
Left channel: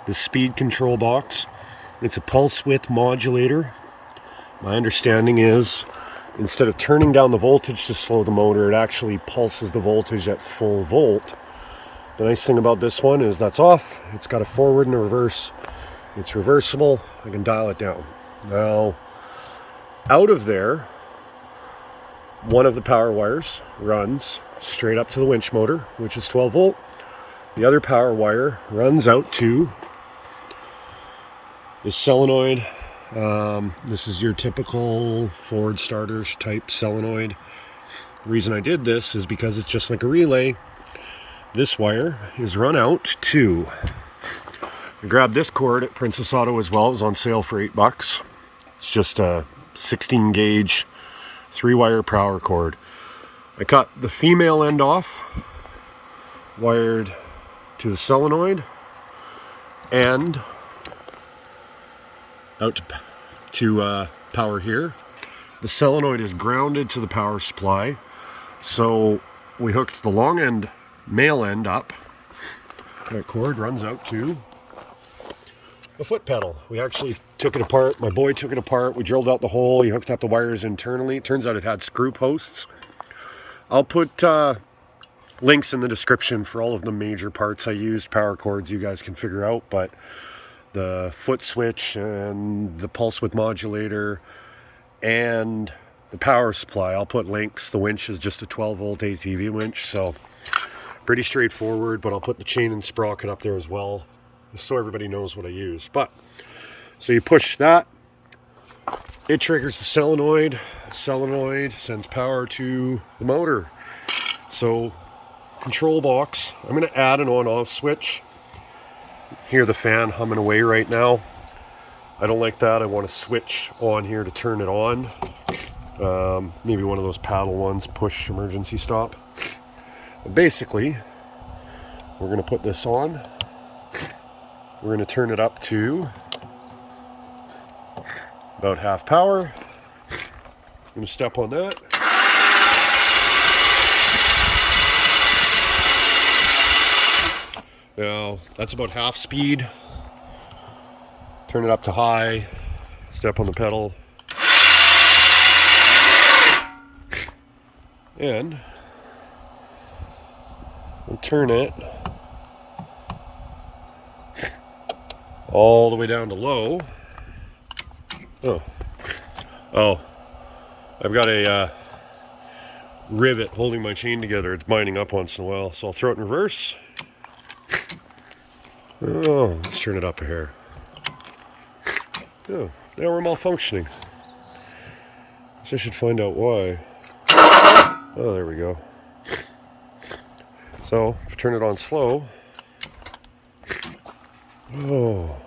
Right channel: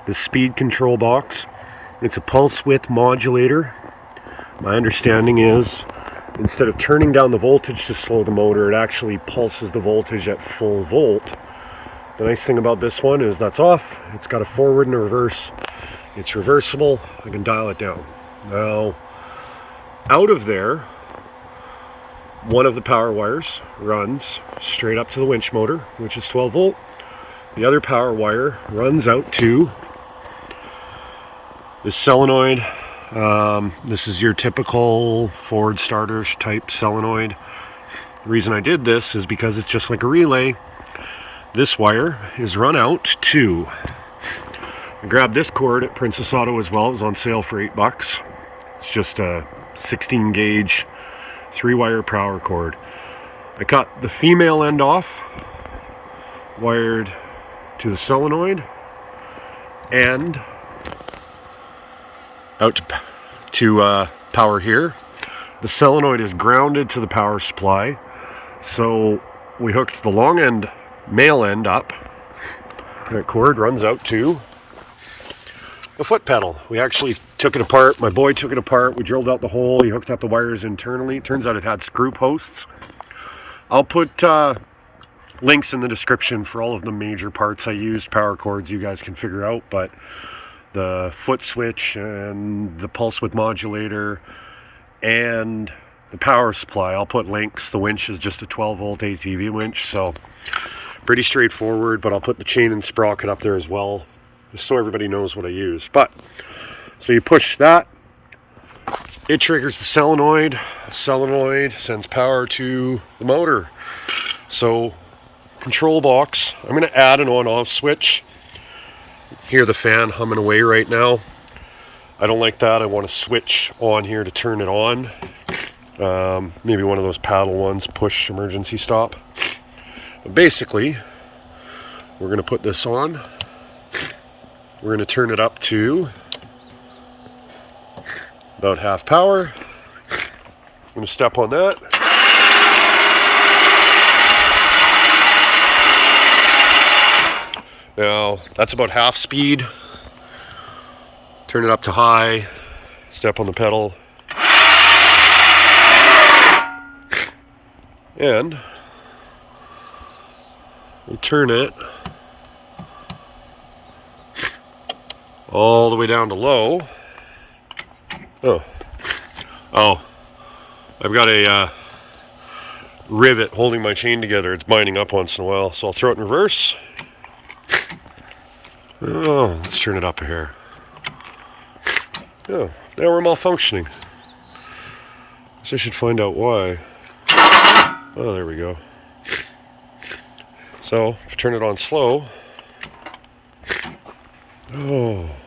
the speed control box. It's a pulse width modulator. My understanding is, instead of turning down the voltage to slow the motor, it actually pulses the voltage at full volt. The nice thing about this one is that's off. It's got a forward and a reverse. It's reversible. I can dial it down. Now, out of there, one of the power wires runs straight up to the winch motor, which is 12 volt. The other power wire runs out to this solenoid. This is your typical Ford starter type solenoid. The reason I did this is because it's just like a relay. This wire is run out to... I grabbed this cord at Princess Auto as well. It was on sale for $8. It's just a 16 gauge 3-wire power cord. I cut the female end off, wired to the solenoid, and out to power here. The solenoid is grounded to the power supply, so we hooked the long end, male end up. That cord runs out to the foot pedal. We actually took it apart. My boy took it apart. We drilled out the hole. He hooked up the wires internally. It turns out it had screw posts. I'll put links in the description for all of the major parts I used, power cords you guys can figure out, but the foot switch and the pulse width modulator and the power supply, I'll put links. The winch is just a 12 volt ATV winch, so pretty straightforward, but I'll put the chain and sprocket up there as well, just so everybody knows what I use. But so you push that, it triggers the solenoid. Solenoid sends power to the motor. So control box, I'm going to add an on-off switch. Hear the fan humming away right now. I don't like that. I want to switch on here to turn it on. Maybe one of those paddle ones, push emergency stop. But basically, we're going to put this on. We're going to turn it up to about half power. I'm going to step on that. Now, that's about half speed. Turn it up to high. Step on the pedal. And we'll turn it all the way down to low. Oh, I've got a rivet holding my chain together. It's binding up once in a while, so I'll throw it in reverse. Oh, let's turn it up a hair. Oh, now we're malfunctioning. So I should find out why. Oh, there we go. So, if I turn it on slow. Oh.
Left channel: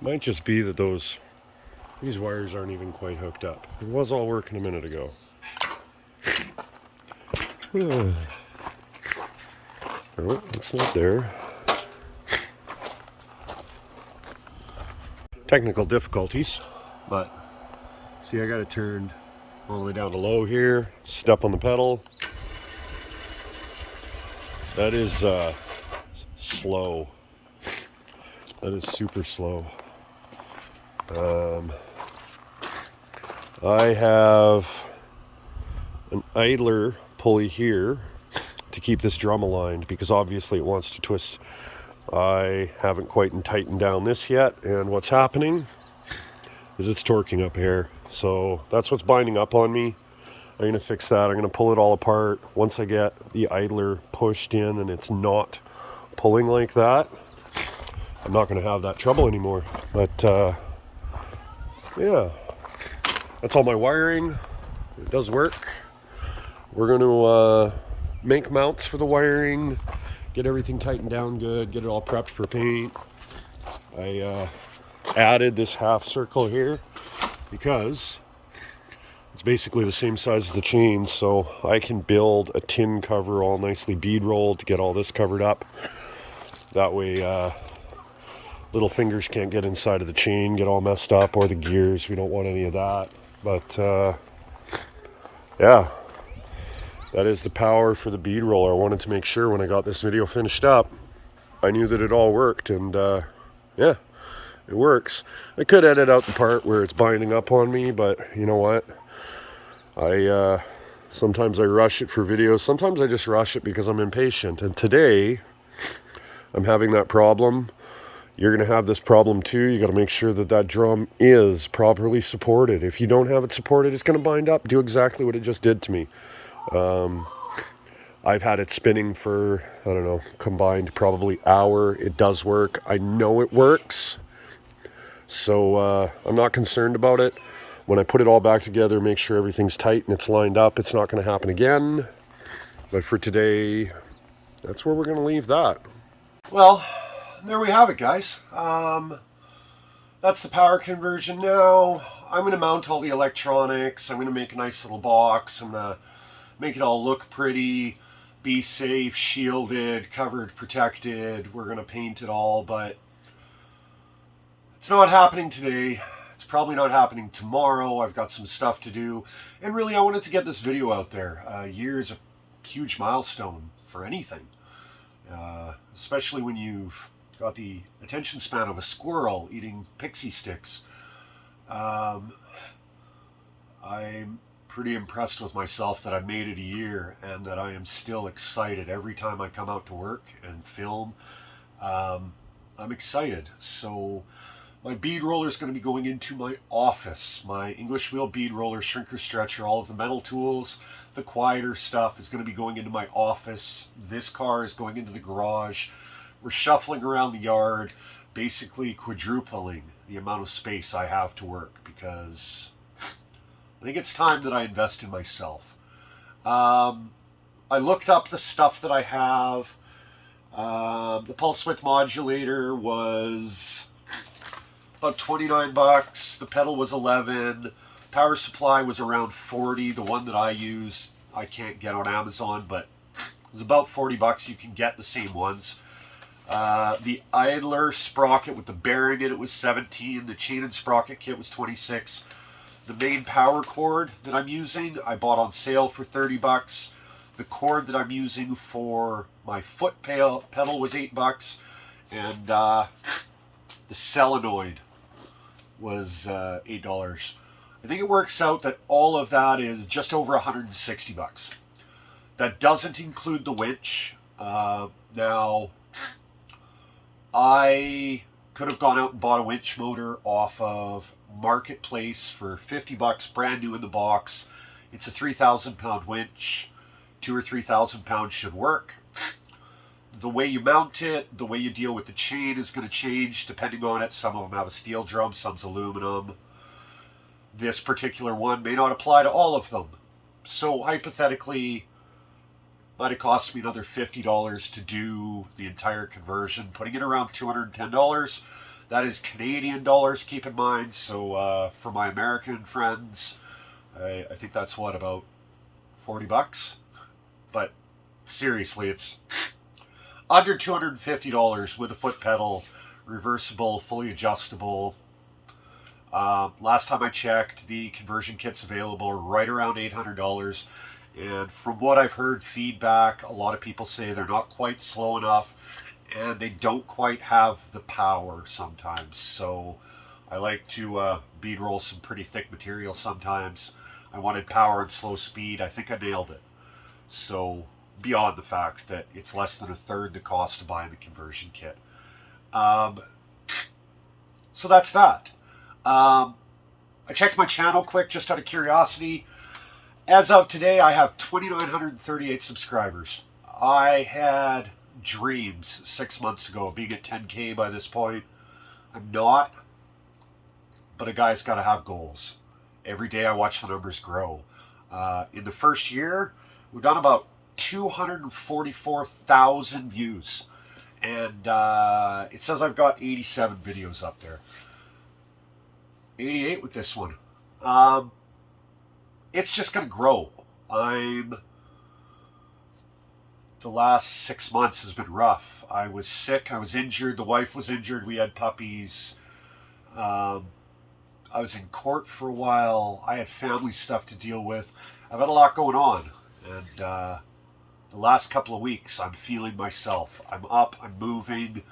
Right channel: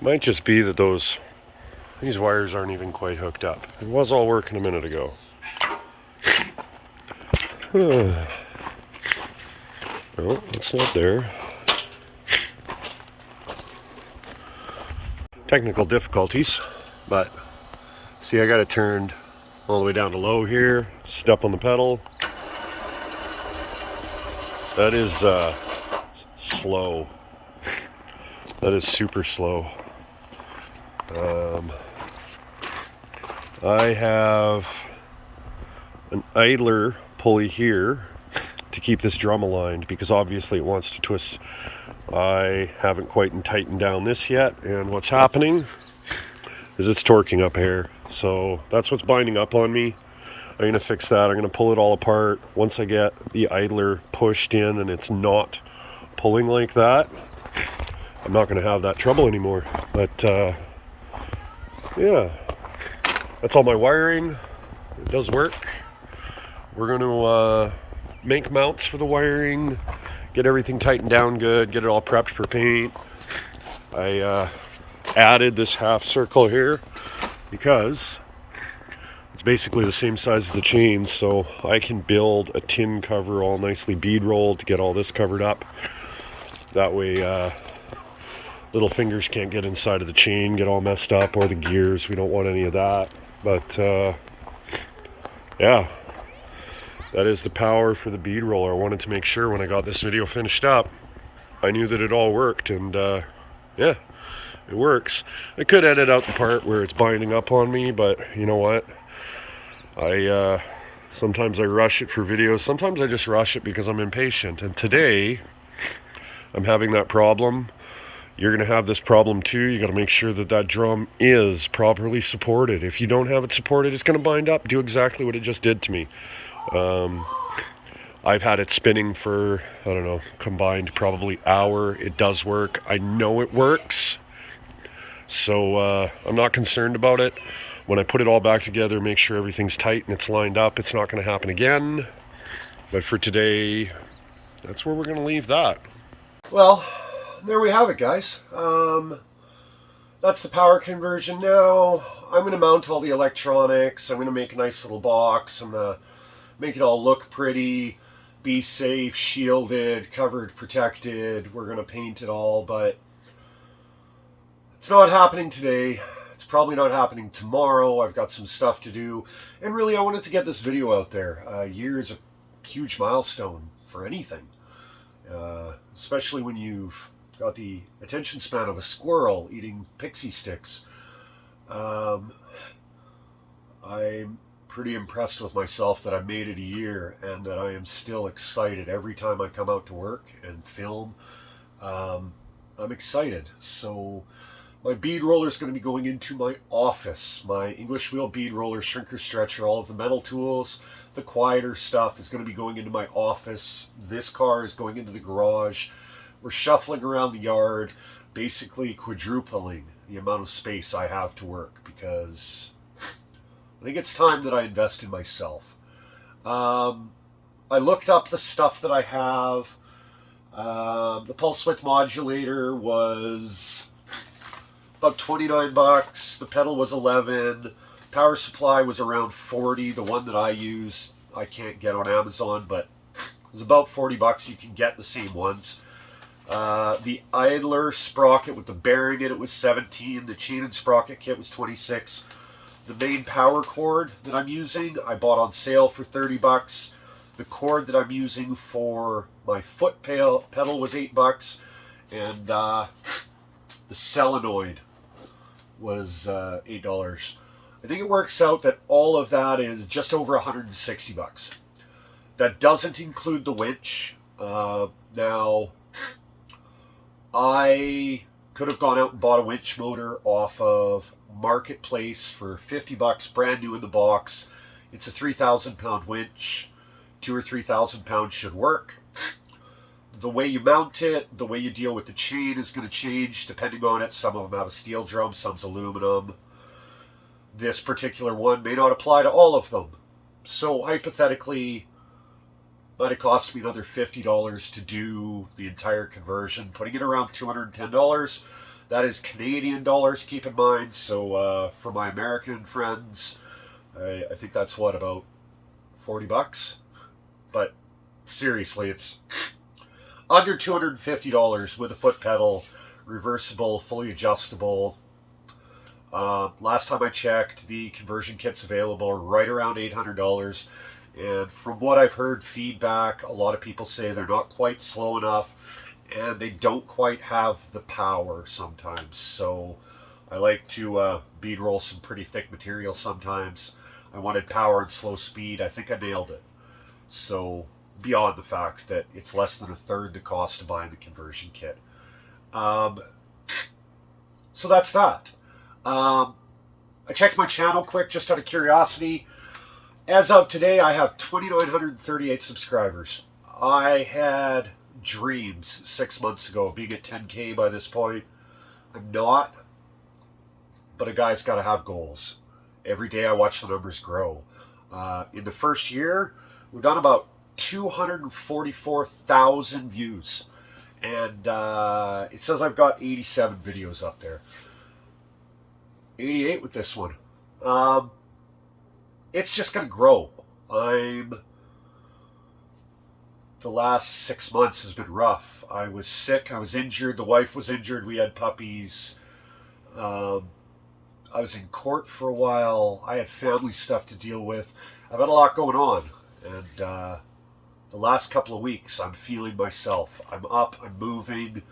Might just be that these wires aren't even quite hooked up. It was all working a minute ago. Oh, it's not there. Technical difficulties, but see, I got it turned all the way down to low here. Step on the pedal. That is slow. That is super slow. I have an idler pulley here to keep this drum aligned because obviously it wants to twist. I haven't quite tightened down this yet, and what's happening is it's torquing up here. So that's what's binding up on me. I'm going to fix that. I'm going to pull it all apart. Once I get the idler pushed in and it's not pulling like that, I'm not going to have that trouble anymore. But yeah, that's all my wiring. It does work. We're going to make mounts for the wiring, get everything tightened down good, get it all prepped for paint. I added this half circle here because it's basically the same size as the chain, so I can build a tin cover all nicely bead rolled to get all this covered up. That way little fingers can't get inside of the chain, get all messed up, or the gears. We don't want any of that. But yeah, that is the power for the bead roller. I wanted to make sure when I got this video finished up, I knew that it all worked, and yeah, it works. I could edit out the part where it's binding up on me, but you know what? Sometimes I rush it for videos. Sometimes I just rush it because I'm impatient. And today, I'm having that problem. You're going to have this problem too. You got to make sure that that drum is properly supported. If you don't have it supported, it's going to bind up. Do exactly what it just did to me. I've had it spinning for, I don't know, combined probably hour. It does work. I know it works. So I'm not concerned about it. When I put it all back together, make sure everything's tight and it's lined up. It's not going to happen again. But for today, that's where we're going to leave that. Well, there we have it, guys. That's the power conversion now. I'm going to mount all the electronics. I'm going to make a nice little box. I'm going to make it all look pretty, be safe, shielded, covered, protected. We're going to paint it all, but it's not happening today. It's probably not happening tomorrow. I've got some stuff to do. And really, I wanted to get this video out there. A year is a huge milestone for anything, especially when you've got the attention span of a squirrel eating pixie sticks. I'm pretty impressed with myself that I've made it a year and that I am still excited every time I come out to work and film. I'm excited. So my bead roller is going to be going into my office. My English wheel bead roller, shrinker stretcher, all of the metal tools, the quieter stuff is going to be going into my office. This car is going into the garage. We're shuffling around the yard, basically quadrupling the amount of space I have to work because I think it's time that I invest in myself. I looked up the stuff that I have. The pulse width modulator was about 29 bucks. The pedal was 11. Power supply was around 40. The one that I used, I can't get on Amazon, but it was about 40 bucks. You can get the same ones. The idler sprocket with the bearing in it was 17. The chain and sprocket kit was 26. The main power cord that I'm using, I bought on sale for 30 bucks. The cord that I'm using for my foot pedal was 8 bucks. And the solenoid was $8. I think it works out that all of that is just over 160 bucks. That doesn't include the winch. Now, I could have gone out and bought a winch motor off of Marketplace for 50 bucks, brand new in the box. It's a 3,000 pound winch. 2,000 or 3,000 pounds should work. The way you mount it, the way you deal with the chain is going to change depending on it. Some of them have a steel drum, some's aluminum. This particular one may not apply to all of them. So hypothetically, might have cost me another $50 to do the entire conversion, putting it around $210. That is Canadian dollars, keep in mind. So for my American friends, I think that's what, about 40 bucks? But seriously, it's under $250 with a foot pedal, reversible, fully adjustable. Last time I checked, the conversion kit's available right around $800. And from what I've heard feedback, a lot of people say they're not quite slow enough and they don't quite have the power sometimes. So I like to bead roll some pretty thick material sometimes. I wanted power and slow speed. I think I nailed it. So beyond the fact that it's less than a third the cost to buy the conversion kit. So that's that. I checked my channel quick just out of curiosity. As of today, I have 2,938 subscribers. I had dreams 6 months ago of being at 10K by this point. I'm not, but a guy's got to have goals. Every day I watch the numbers grow. In the first year, we've done about 244,000 views. And it says I've got 87 videos up there. 88 with this one. It's just going to grow. The last 6 months has been rough. I was sick. I was injured. The wife was injured. We had puppies. I was in court for a while. I had family stuff to deal with. I've had a lot going on. And the last couple of weeks, I'm feeling myself. I'm up. I'm moving.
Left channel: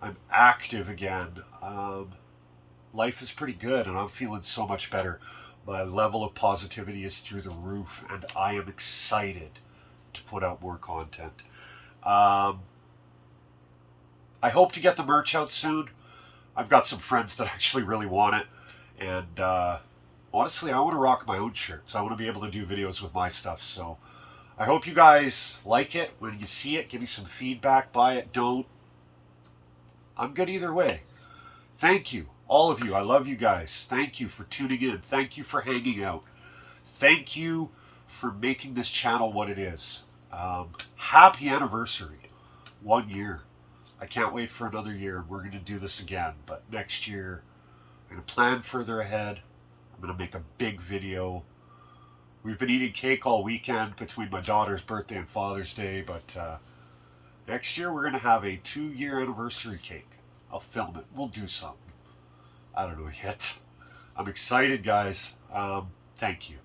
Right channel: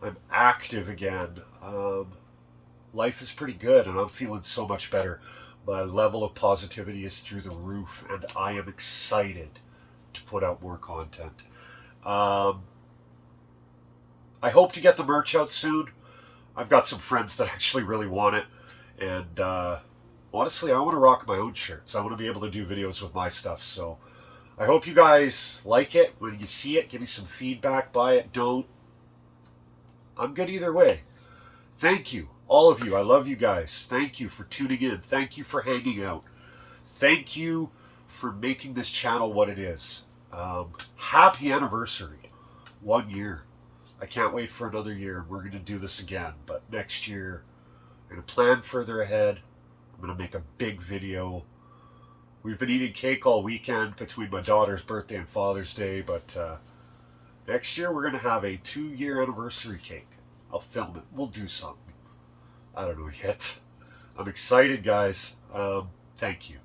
I'm active again. Life is pretty good, and I'm feeling so much better. My level of positivity is through the roof, and I am excited to put out more content. I hope to get the merch out soon. I've got some friends that actually really want it, and honestly, I want to rock my own shirts. I want to be able to do videos with my stuff, so I hope you guys like it. When you see it, give me some feedback. Buy it, don't. I'm good either way. Thank you. All of you, I love you guys. Thank you for tuning in. Thank you for hanging out. Thank you for making this channel what it is. Happy anniversary. 1 year. I can't wait for another year. We're going to do this again. But next year, I'm going to plan further ahead. I'm going to make a big video. We've been eating cake all weekend between my daughter's birthday and Father's Day. But next year, we're going to have a 2-year anniversary cake. I'll film it. We'll do something. I don't know yet. I'm excited, guys. Thank you.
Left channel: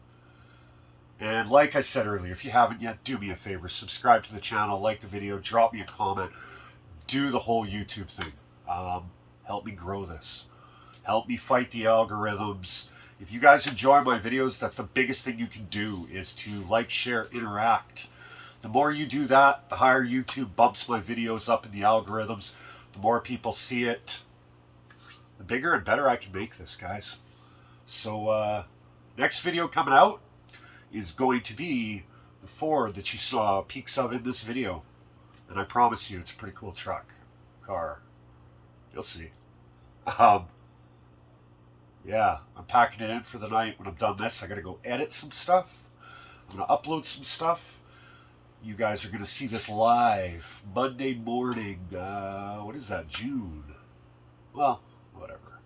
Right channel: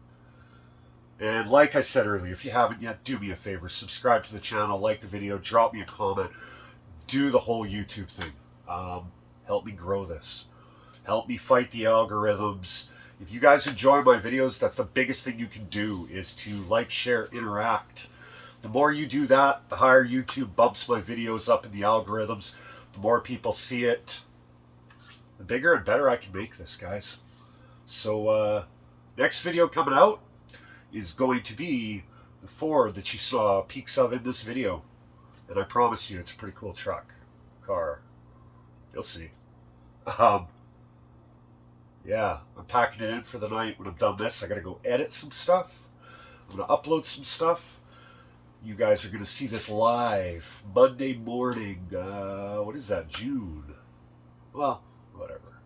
And like I said earlier, if you haven't yet, do me a favor. Subscribe to the channel, like the video, drop me a comment. Do the whole YouTube thing. Help me grow this. Help me fight the algorithms. If you guys enjoy my videos, that's the biggest thing you can do, is to like, share, interact. The more you do that, the higher YouTube bumps my videos up in the algorithms. The more people see it, the bigger and better I can make this, guys. So, next video coming out is going to be the Ford that you saw peeks of in this video. And I promise you, it's a pretty cool car. You'll see. Yeah, I'm packing it in for the night. When I'm done this, I gotta go edit some stuff. I'm gonna upload some stuff. You guys are going to see this live Monday morning. What is that, June? Well, whatever.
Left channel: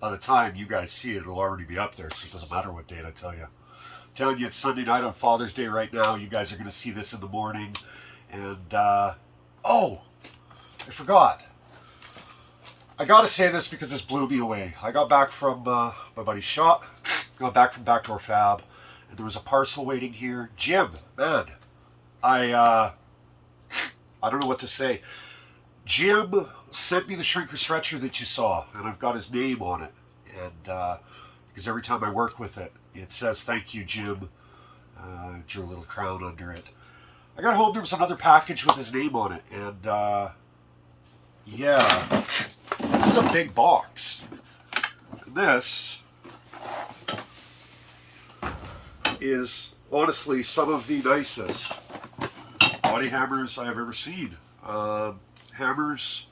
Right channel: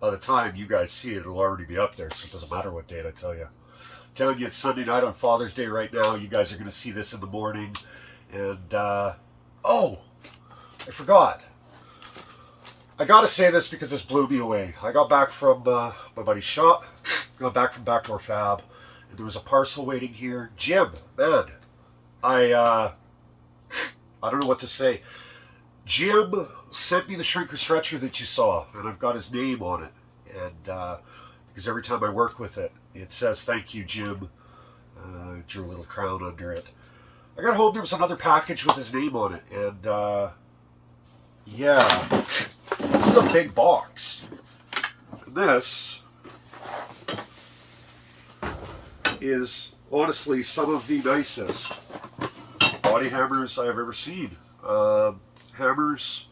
By the time you guys see it, it'll already be up there, so it doesn't matter what date I tell you. I'm telling you, it's Sunday night on Father's Day right now. You guys are going to see this in the morning. And, oh, I forgot. I got to say this because this blew me away. I got back from my buddy's shop. Got back from Backdoor Fab. And there was a parcel waiting here. Jim, man, I don't know what to say. Jim sent me the shrinker stretcher that you saw, and I've got his name on it. And because every time I work with it, it says, "Thank you, Jim." Drew a little crown under it. I got home, there was another package with his name on it, and yeah, this is a big box. And this is honestly some of the nicest body hammers I have ever seen. Hammers,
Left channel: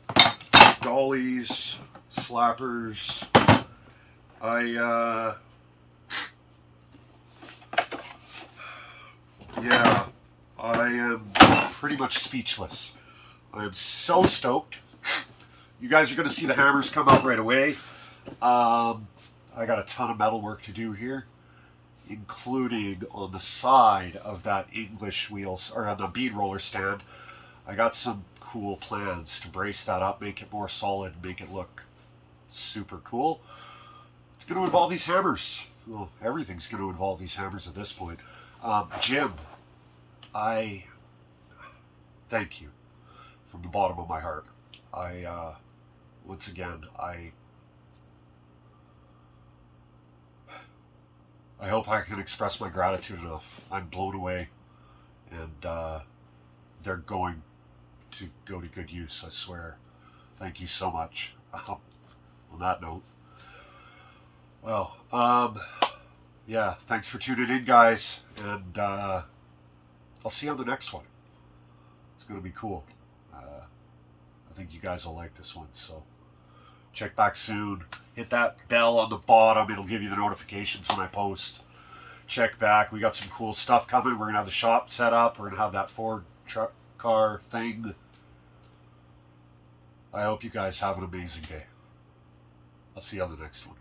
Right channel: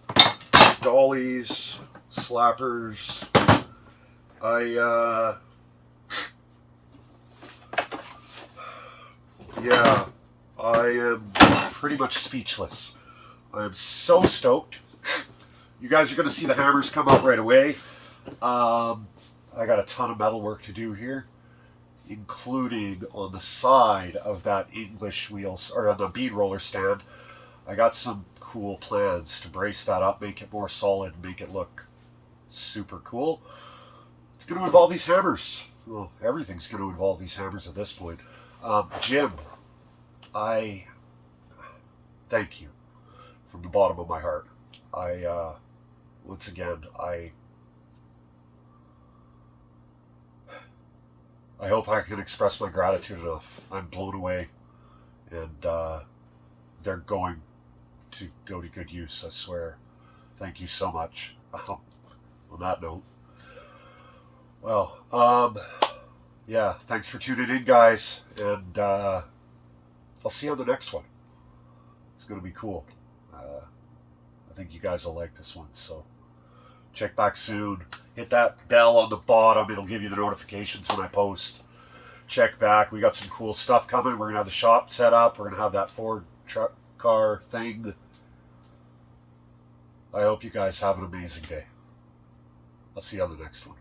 dollies, slappers. Yeah, I am pretty much speechless. I am so stoked. You guys are going to see the hammers come out right away. I got a ton of metal work to do here, including on the side of that English wheels, or on the bead roller stand. I got some cool plans to brace that up, make it more solid, make it look super cool. It's going to involve these hammers. Well, everything's going to involve these hammers at this point. Jim, I thank you from the bottom of my heart. Once again, I hope I can express my gratitude enough. I'm blown away, and they're going to go to good use, I swear. Thank you so much. On that note, well, yeah, thanks for tuning in, guys, and I'll see you on the next one. It's going to be cool. I think you guys will like this one, so check back soon. Hit that bell on the bottom. It'll give you the notifications when I post. Check back. We got some cool stuff coming. We're going to have the shop set up. We're going to have that Ford truck car thing. I hope you guys have an amazing day. I'll see you on the next one.